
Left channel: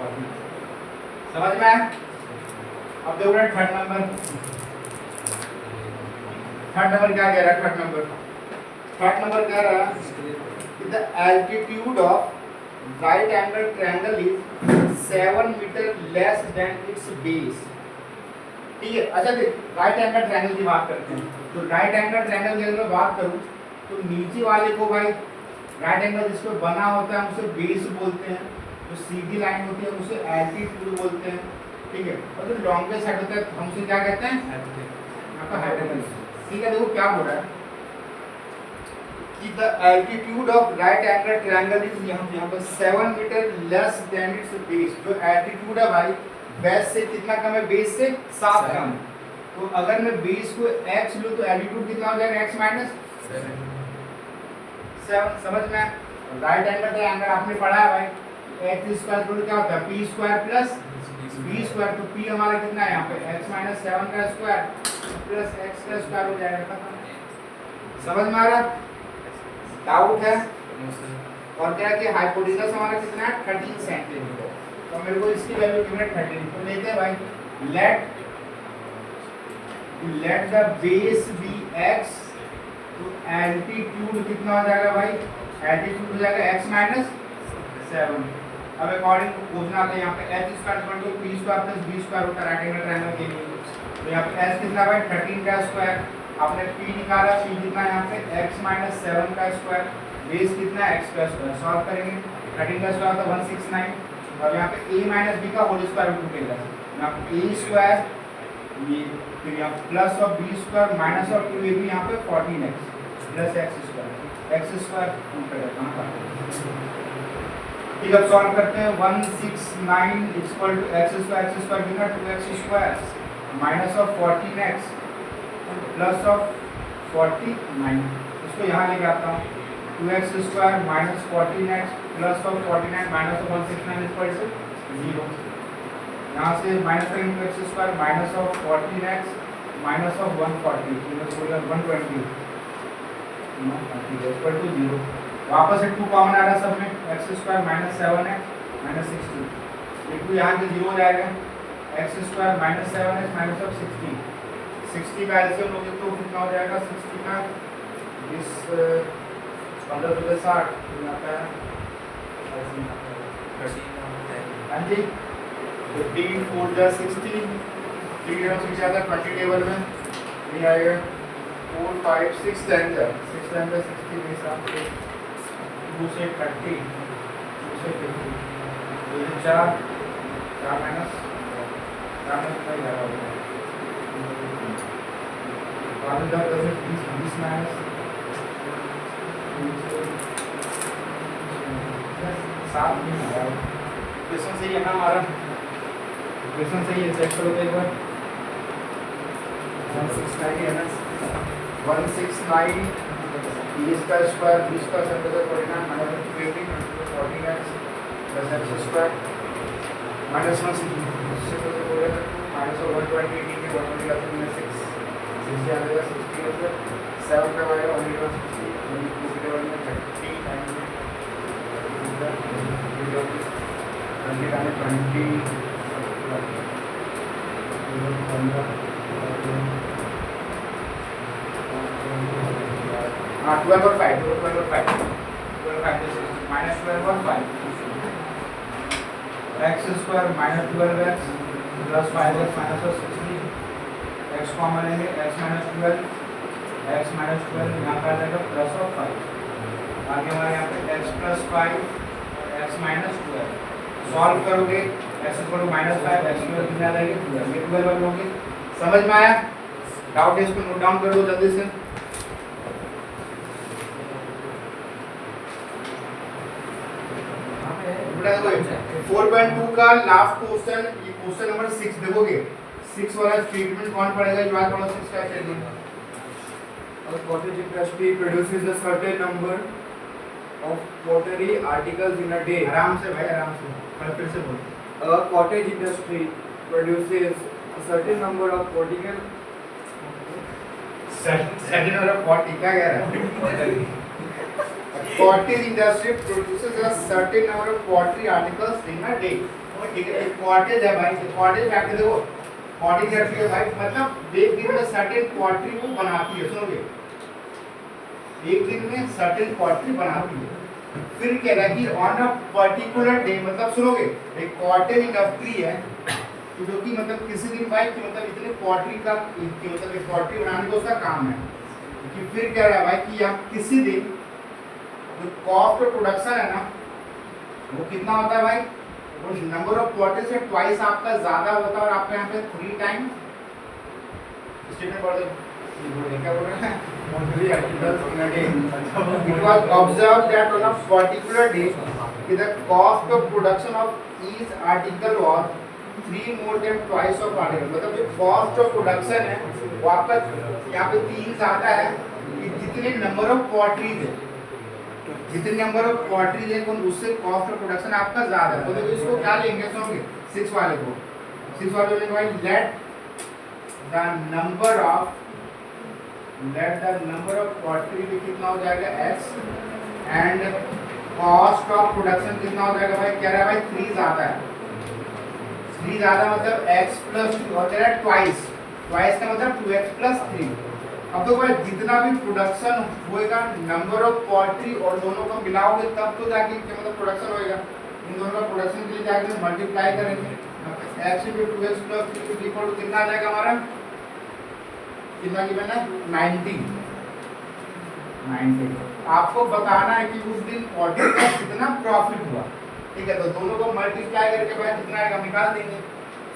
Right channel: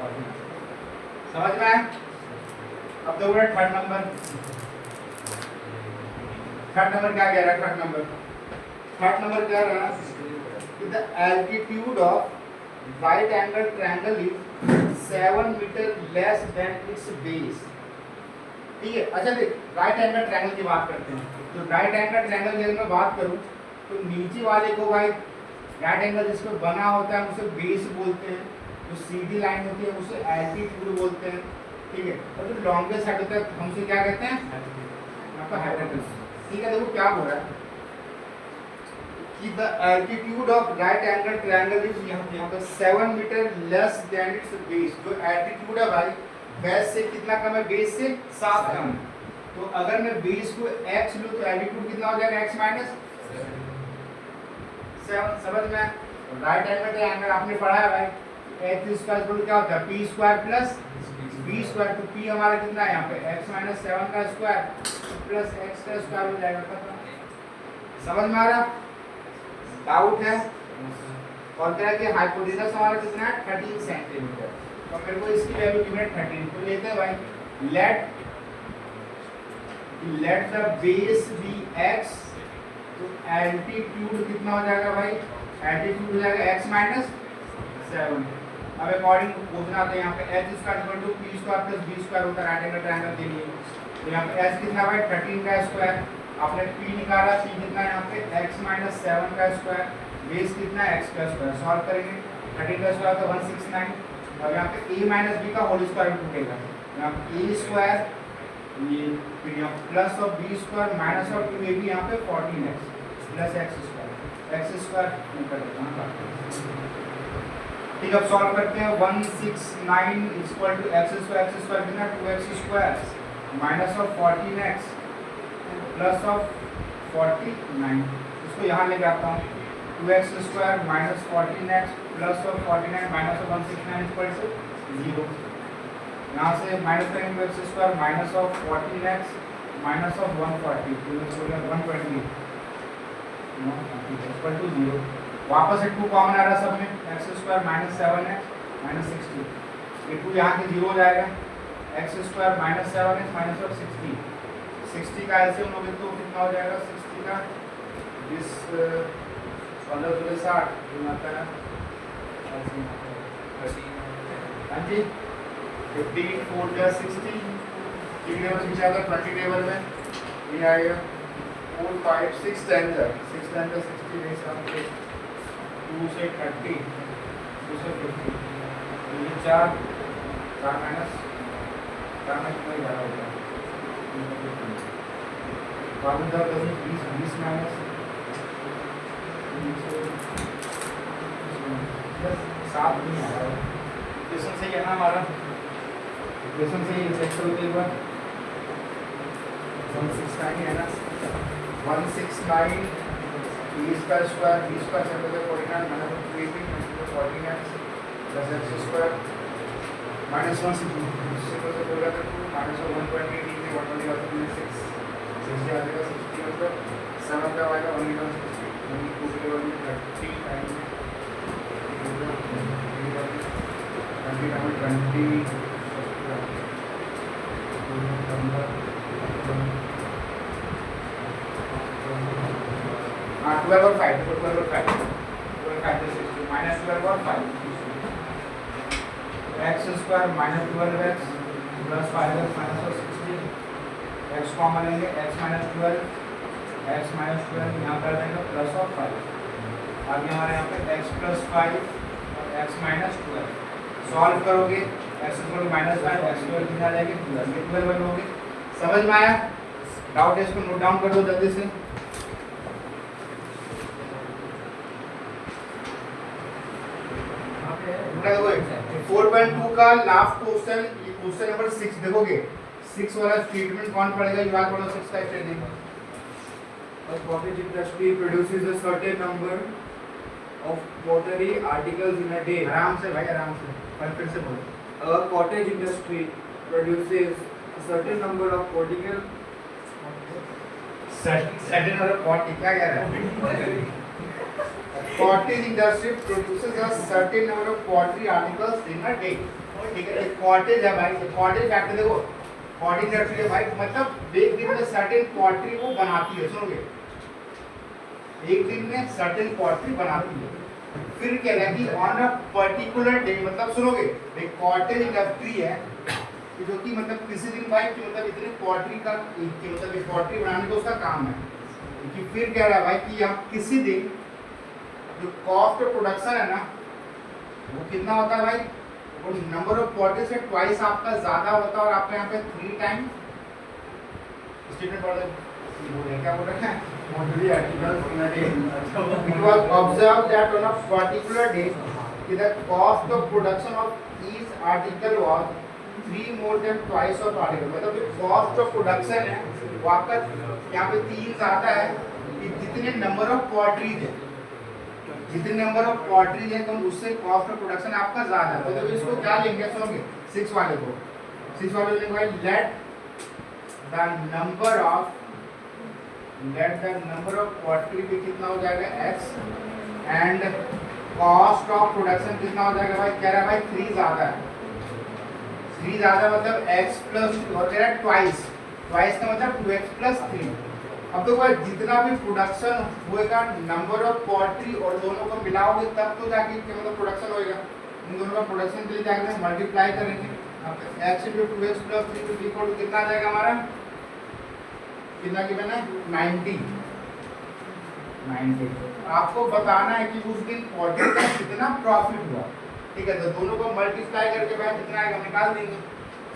14। समझ में आया? अब देखो थर्ड नंबर क्या कह रहा है? थर्ड नंबर कह रहा है the altitude of right angle triangle is 7 metre less than its base. ठीक है, अच्छा देख राइट एंगल ट्रायंगल की बात करते हैं। तो राइट एंगल ट्रायंगल की अगर मैं बात करूं तो नीचे वाले को भाई राइट एंगल जिस पे बना होता है उसे बेस बोलते हैं, जो सीधी लाइन होती है उसे एल्टीट्यूड बोलते हैं। ठीक है, और जो लॉन्गेस्ट साइड होता है हम उसे क्या कहते हैं? आपका हाइपोटेन्यूज। ठीक है, देखो क्या बोल रहा है कि the altitude of right angle triangle is यहाँ पर 7 metre less than its base. जो एल्टीट्यूड है भाई बेस से कितना कम है? बेस से 7 कम है। तो अगर मैं बेस को x लूं तो एल्टीट्यूड कितना हो जाएगा? x minus 7। समझ में? राइट एंगल ट्रायंगल आपने पढ़ा है भाई, x स्क्वायर इक्वल क्या होता है? p square plus b square. तो p हमारा कितना है यहाँ पे? x माइनस 7 का स्क्वायर प्लस x का स्क्वायर हो जाएगा। खत्म। समझ में आ रहा है? डाउट है? और क्या कि हाइपोटेन्यूज हमारा कितना है? 13 सेंटीमीटर। तो मेरे को इसकी वैल्यू गिवन है 13। तो लेते हैं भाई let the base be x। तो एल्टीट्यूड कितना हो जाएगा भाई? एल्टीट्यूड हो जाएगा x माइनस 7। अब अकॉर्डिंग पूछना था यहाँ पे h square equal to p square plus b square होता है राइट एंगल ट्रायंगल के लिए। तो यहाँ पे h कितना भाई? 13 का स्क्वायर। आपने p निकाला, p कितना यहाँ पे? x माइनस 7 का स्क्वायर। बेस कितना है? x का स्क्वायर। सॉल्व करेंगे 13 का स्क्वायर तो 169 और यहाँ पे a माइनस b का होल स्क्वायर टूटेगा। यहाँ पे a स्क्वायर ये फिर यहाँ plus of b square minus of 2ab यहाँ पे 14x प्लस x स्क्वायर ऊपर। ठीक, अब सॉल्व करते हैं। 169 इक्वल टू x स्क्वायर कितना? 2x square minus of 14x plus of 49। इसको यहाँ लेके आता हूँ। 2x square minus 14x plus of 49 minus of 169 equal to 0। यहाँ से माइनस करेंगे x square minus of 14x minus of 140 120 equal to 0। वापस से 2 कॉमन आ रहा है सब में। x square minus 7x minus 60 ये 2 यहाँ से 0 हो जाएगा। x square minus 7x minus of 60 का एलसीएम लोगे तो कितना हो जाएगा? 60 का 20 15 2 60 आता है। हाँ जी, 15 4 जा 60 3 टाइम्स भी जाता 20 टेबल में ये आएगा 4 5 6 टाइम्स 60 के हिसाब से 2 से 30 2 से 50 तो ये 4 माइनस कितना ज़्यादा हो गया? 20 माइनस 7 नहीं आ रहा। इक्वेशन सही है ना हमारा? इक्वेशन सही है, चेक करो एक बार। 169 है ना? 169 b का स्क्वायर से होता है 49 minus 280 14x plus x square minus 1 से होता है माइनस 120 में 120 का 6 60 आ जाएगा 60 होगा 7 का आएगा 160 2 के बाद में 30 टाइम 12 और 5 माइनस 12 और 5 x square minus 12x plus 5x minus 60 x common लेंगे x माइनस 12 यहाँ पर आ जाएगा प्लस ऑफ 5। आगे हमारे यहाँ पे x plus 5 x minus 12 solve करोगे x equal to minus 5 x square कितना आ जाएगा 12 ये 12 लोगे। समझ में आया? डाउट है इसको नोट डाउन कर दो जल्दी से। देखो 4.2 का लास्ट क्वेश्चन, ये क्वेश्चन नंबर 6 देखोगे 6 वाला स्टेटमेंट कौन पढ़ेगा? जो आज पढ़ो 6 का statement. A cottage industry produces a certain number of pottery articles in a day. आराम से भाई आराम से, और फिर से बोलो। A cottage industry produces a certain number of certain number of pottery क्या कह रहा है? Cottage industry produces a certain number of pottery articles in a day. ठीक है, कॉटेज है भाई, कॉटेज फैक्ट्री देखो, कॉटेज इंडस्ट्री है भाई, मतलब एक दिन में सर्टेन पॉटरी को बनाती है, सुनोगे, एक दिन में सर्टेन पॉटरी बनाती है। फिर कह रहा है कि ऑन अ पर्टिकुलर डे, मतलब सुनोगे, एक कॉटेज इंडस्ट्री है जो कि मतलब किसी दिन भाई कि मतलब इतने पॉटरी का मतलब एक पॉटरी बनाने का उसका काम है। कि फिर कह रहा है भाई कि आप किसी दिन जो कॉस्ट ऑफ प्रोडक्शन है ना वो कितना होता है भाई, वो नंबर ऑफ पॉटरी से ट्वाइस आपका ज्यादा होता है और आपके यहाँ पे 3 टाइम स्टेटमेंट पढ़ दो, क्या बोल रहे हैं, pottery articles in a day. It was observed that on a particular day the cost of production of each article was 3 more than twice of article, मतलब जो cost of production है वो आपका यहाँ पे 3 ज्यादा है कि जितने नंबर ऑफ पॉटरीज है, जितने नंबर ऑफ पॉटरीज है उससे कॉस्ट ऑफ प्रोडक्शन आपका ज्यादा है। तो देखो इसको क्या लेंगे, सुनोगे 6 वाले को, 6 वाले लेंगे भाई, let the number of pottery भी कितना हो जाएगा x and cost of production कितना हो जाएगा भाई, कह रहा है भाई 3 ज्यादा है, 3 ज्यादा मतलब x प्लस और कह रहा है ट्वाइस, ट्वाइस का मतलब 2x प्लस 3। अब तो भाई जितना भी प्रोडक्शन होएगा नंबर ऑफ पॉटरी और दोनों को मिलाओगे तब तो जाके मतलब प्रोडक्शन होएगा, इन दोनों का प्रोडक्शन के लिए जाके मल्टीप्लाई करेंगे, x * 2x + 3 इक्वल कितना आ जाएगा हमारा, कितना की मैंने 90। आपको बताना है कि उस दिन पॉटरी का कितना प्रॉफिट हुआ, ठीक है, तो दोनों को मल्टीप्लाई करके भाई कितना आएगा निकाल देंगे,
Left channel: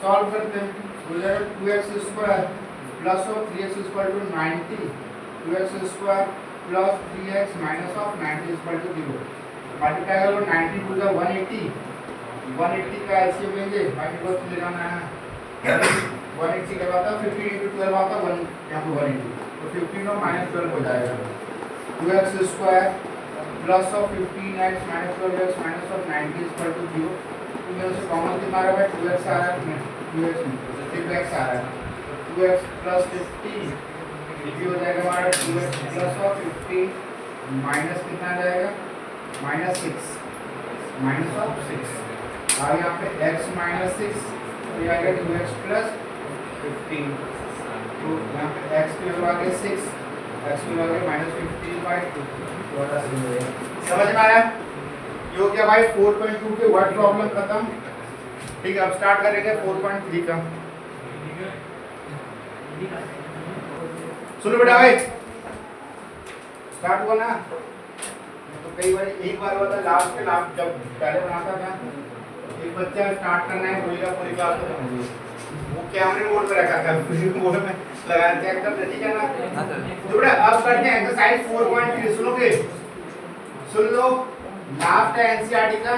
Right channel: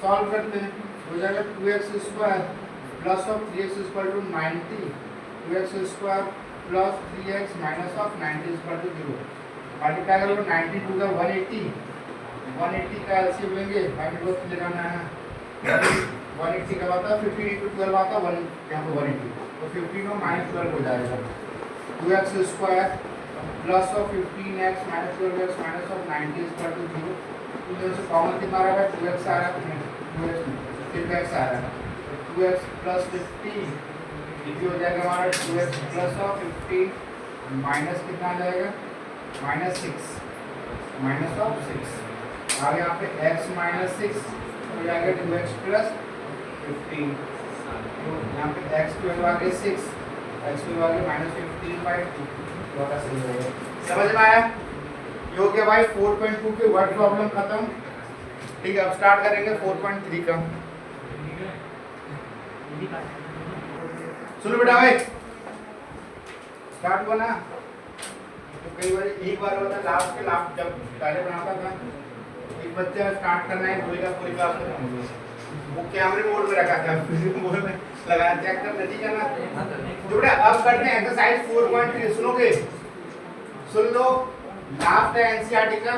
सॉल्व करते हैं, हो जाएगा 2x² plus of 3x equal to 90, 2x² plus 3x minus of 90 equal to 0। Multiply करो 90 टू द 180, 180 का एलसीएम लेंगे, बाकी को ले जाना है 180 का आता 15 × 12 आता 1 यहाँ पे 180, तो 15 और -12 हो जाएगा, 2x² plus of 15x minus 12x minus of 90 equal to 0। तो से कॉमन कितना आ रहा है, 2x आ रहा है, 2x सिर्फ x आ रहा है, 2x प्लस 15 ये हो जाएगा हमारा 2x प्लस ऑफ 15 माइनस कितना आ जाएगा, -6 माइनस ऑफ 6 और यहाँ पे x -6 तो आएगा 2x प्लस 15, तो यहाँ पे x की वैल्यू आ गई 6, x की वैल्यू -15/2। समझ में आया, ये हो गया भाई 4.2 के वर्ड प्रॉब्लम खत्म। ठीक है, अब स्टार्ट करेंगे 4.3 का। सुनो बेटा भाई, स्टार्ट हुआ ना, तो कई बार एक बार होता लास्ट के लास्ट जब पहले बनाता था एक बच्चा स्टार्ट करना है बोलेगा पूरी क्लास में, वो कैमरे मोड में रखा था, मोड में लगाना चेक करना, ठीक है ना। तो बेटा अब करते हैं एक्सरसाइज 4.3, सुनोगे, सुन लो, लास्ट है एनसीईआरटी का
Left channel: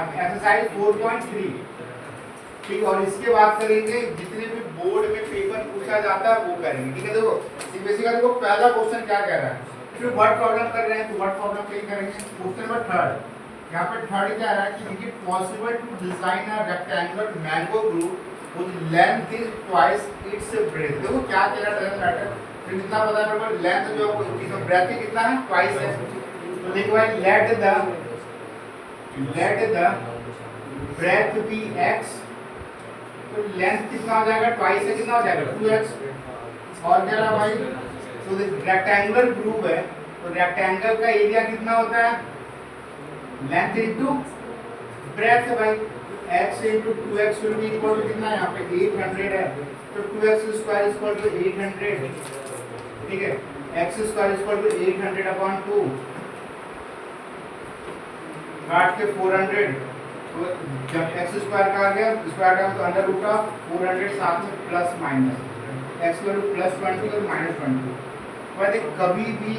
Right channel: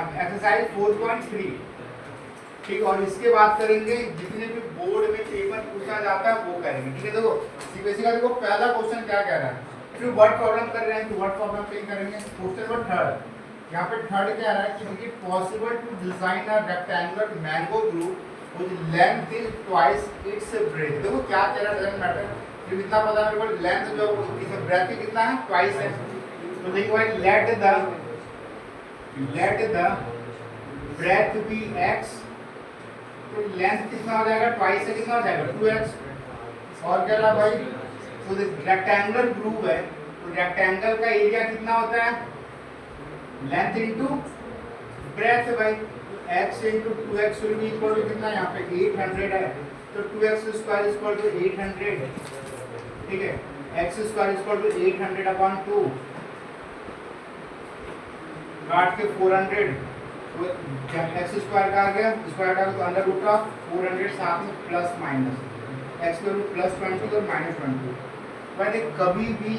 एक्सरसाइज 4.3, ठीक, और इसके बाद करेंगे जितने भी बोर्ड में पेपर पूछा जाता है वो करेंगे, ठीक है। देखो सीबीएसई का देखो पहला क्वेश्चन क्या कह रहा है, फिर वर्ड प्रॉब्लम कर रहे हैं तो वर्ड प्रॉब्लम पे करेंगे। क्वेश्चन नंबर 3, यहाँ पे 3 क्या रहा है कि it is possible to design a rectangular mango grove with length is twice its breadth. देखो क्या कह रहा है, डजंट मैटर, फिर कितना पता है मेरे को, लेंथ जो इसका ब्रेथ कितना है, ट्वाइस है, तो देखो भाई let the breadth be x, तो लेंथ कितना हो जाएगा, ट्वाइस से कितना हो जाएगा 2x, और क्या रहा भाई, तो रेक्टेंगुलर ग्रुप है तो रेक्टेंगल का एरिया कितना होता है, लेंथ इनटू ब्रेथ है भाई, x into 2x will be equal to कितना, यहाँ पे 800 है, तो 2x² इक्वल टू 800, ठीक है, x² इक्वल टू 800/2 काट के 400, तो जब x² का आ गया स्क्वायर का तो अंडर रूट ऑफ 400 साथ में प्लस माइनस x वैल्यू +20 और -20। वैसे कभी भी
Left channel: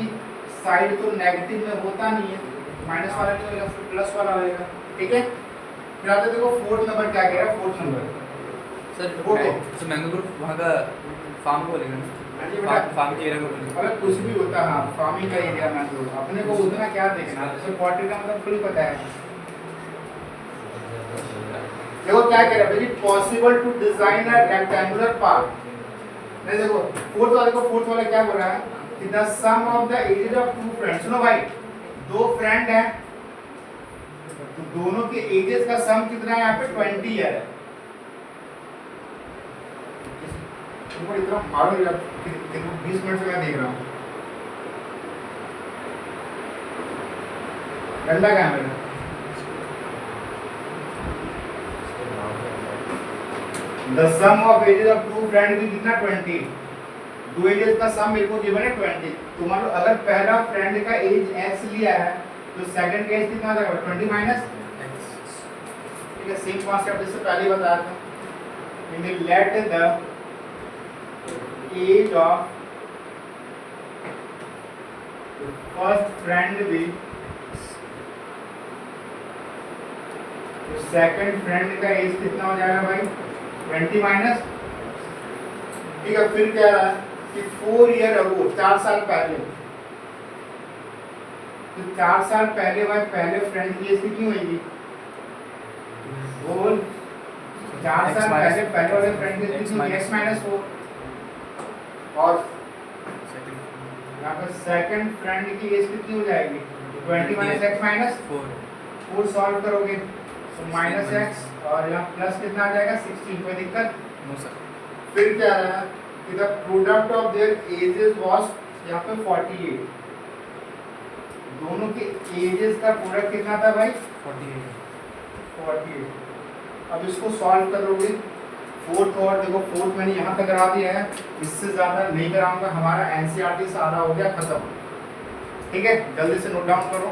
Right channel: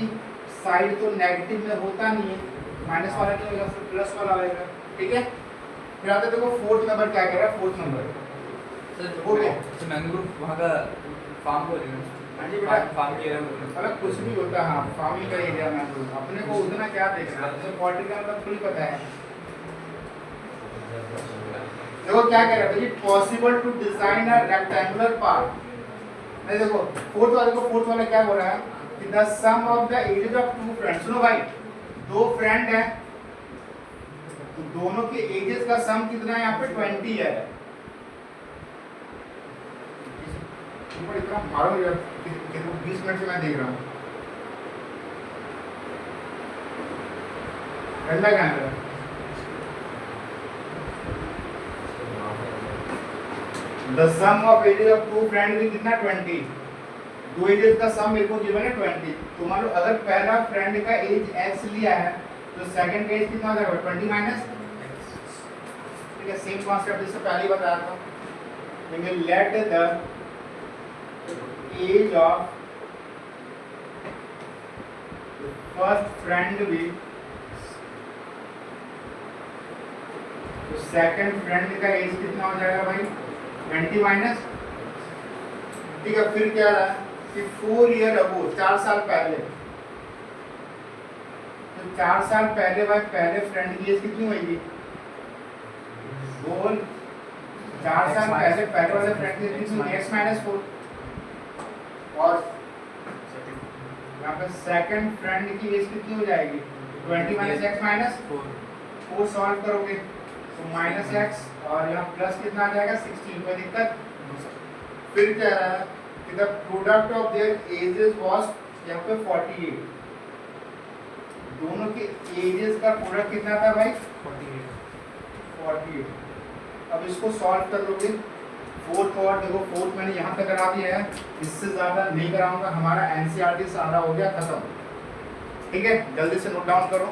साइड तो नेगेटिव में होता नहीं है, माइनस वाला नहीं होगा फिर प्लस वाला होगा, ठीक है। फिर आते देखो 4th नंबर क्या कह रहा है, 4th नंबर सर ओके, तो मैंगो ग्रुप वहाँ का फार्म बोलेंगे, हाँ जी बेटा, फार्म के एरिया में अगर कुछ भी होता है, हाँ फार्मिंग का एरिया में तो अपने को उतना क्या देखना, जैसे पॉटरी का मतलब फुल पता है। देखो क्या कह रहा है, possible to design a rectangular park, नहीं देखो फोर्थ वाला क्या बोल रहा है कि the sum of the ages of two friends. सुनो भाई, दो फ्रेंड हैं तो दोनों के एजेस का सम कितना है यहाँ पे 20 ईयर है। तुमको इतना मालूम है कि 20 मिनट से मैं देख रहा हूँ। डंडा क्या है मेरा? The sum of ages of two friends भी कितना 20। दो एजेस का सम मेरे को गिवन है 20। तो मान लो अगर पहला फ्रेंड का एज x लिया है तो सेकंड का एज कितना हो जाएगा 20 माइनस। ठीक है, सेम कॉन्सेप्ट इससे पहले बताया था। लेकिन let the age of first friend भी तो सेकंड फ्रेंड का एज कितना हो जाएगा भाई 20 माइनस। ठीक है, फिर कह रहा है कि 4 ईयर अगो 4 साल पहले, तो 4 साल पहले भाई पहले फ्रेंड की एज कितनी होगी? बोल 4 साल पहले पहले वाले फ्रेंड की एज कितनी होगी? x minus 4। और यहाँ पे सेकंड फ्रेंड की एज कितनी हो जाएगी 20 माइनस x माइनस 4 सॉल्व करोगे तो माइनस x और यहाँ प्लस कितना आ जाएगा 16। कोई दिक्कत? फिर क्या रहा है कि the product of their edges was यहाँ पे 48। दोनों के एजेस का प्रोडक्ट कितना था भाई 48। अब इसको सॉल्व कर लोगे फोर्थ, और देखो फोर्थ मैंने यहाँ तक करा दिया है, इससे ज़्यादा नहीं कराऊंगा। हमारा एनसीईआरटी सारा हो गया खत्म। ठीक है, जल्दी से नोट डाउन करो।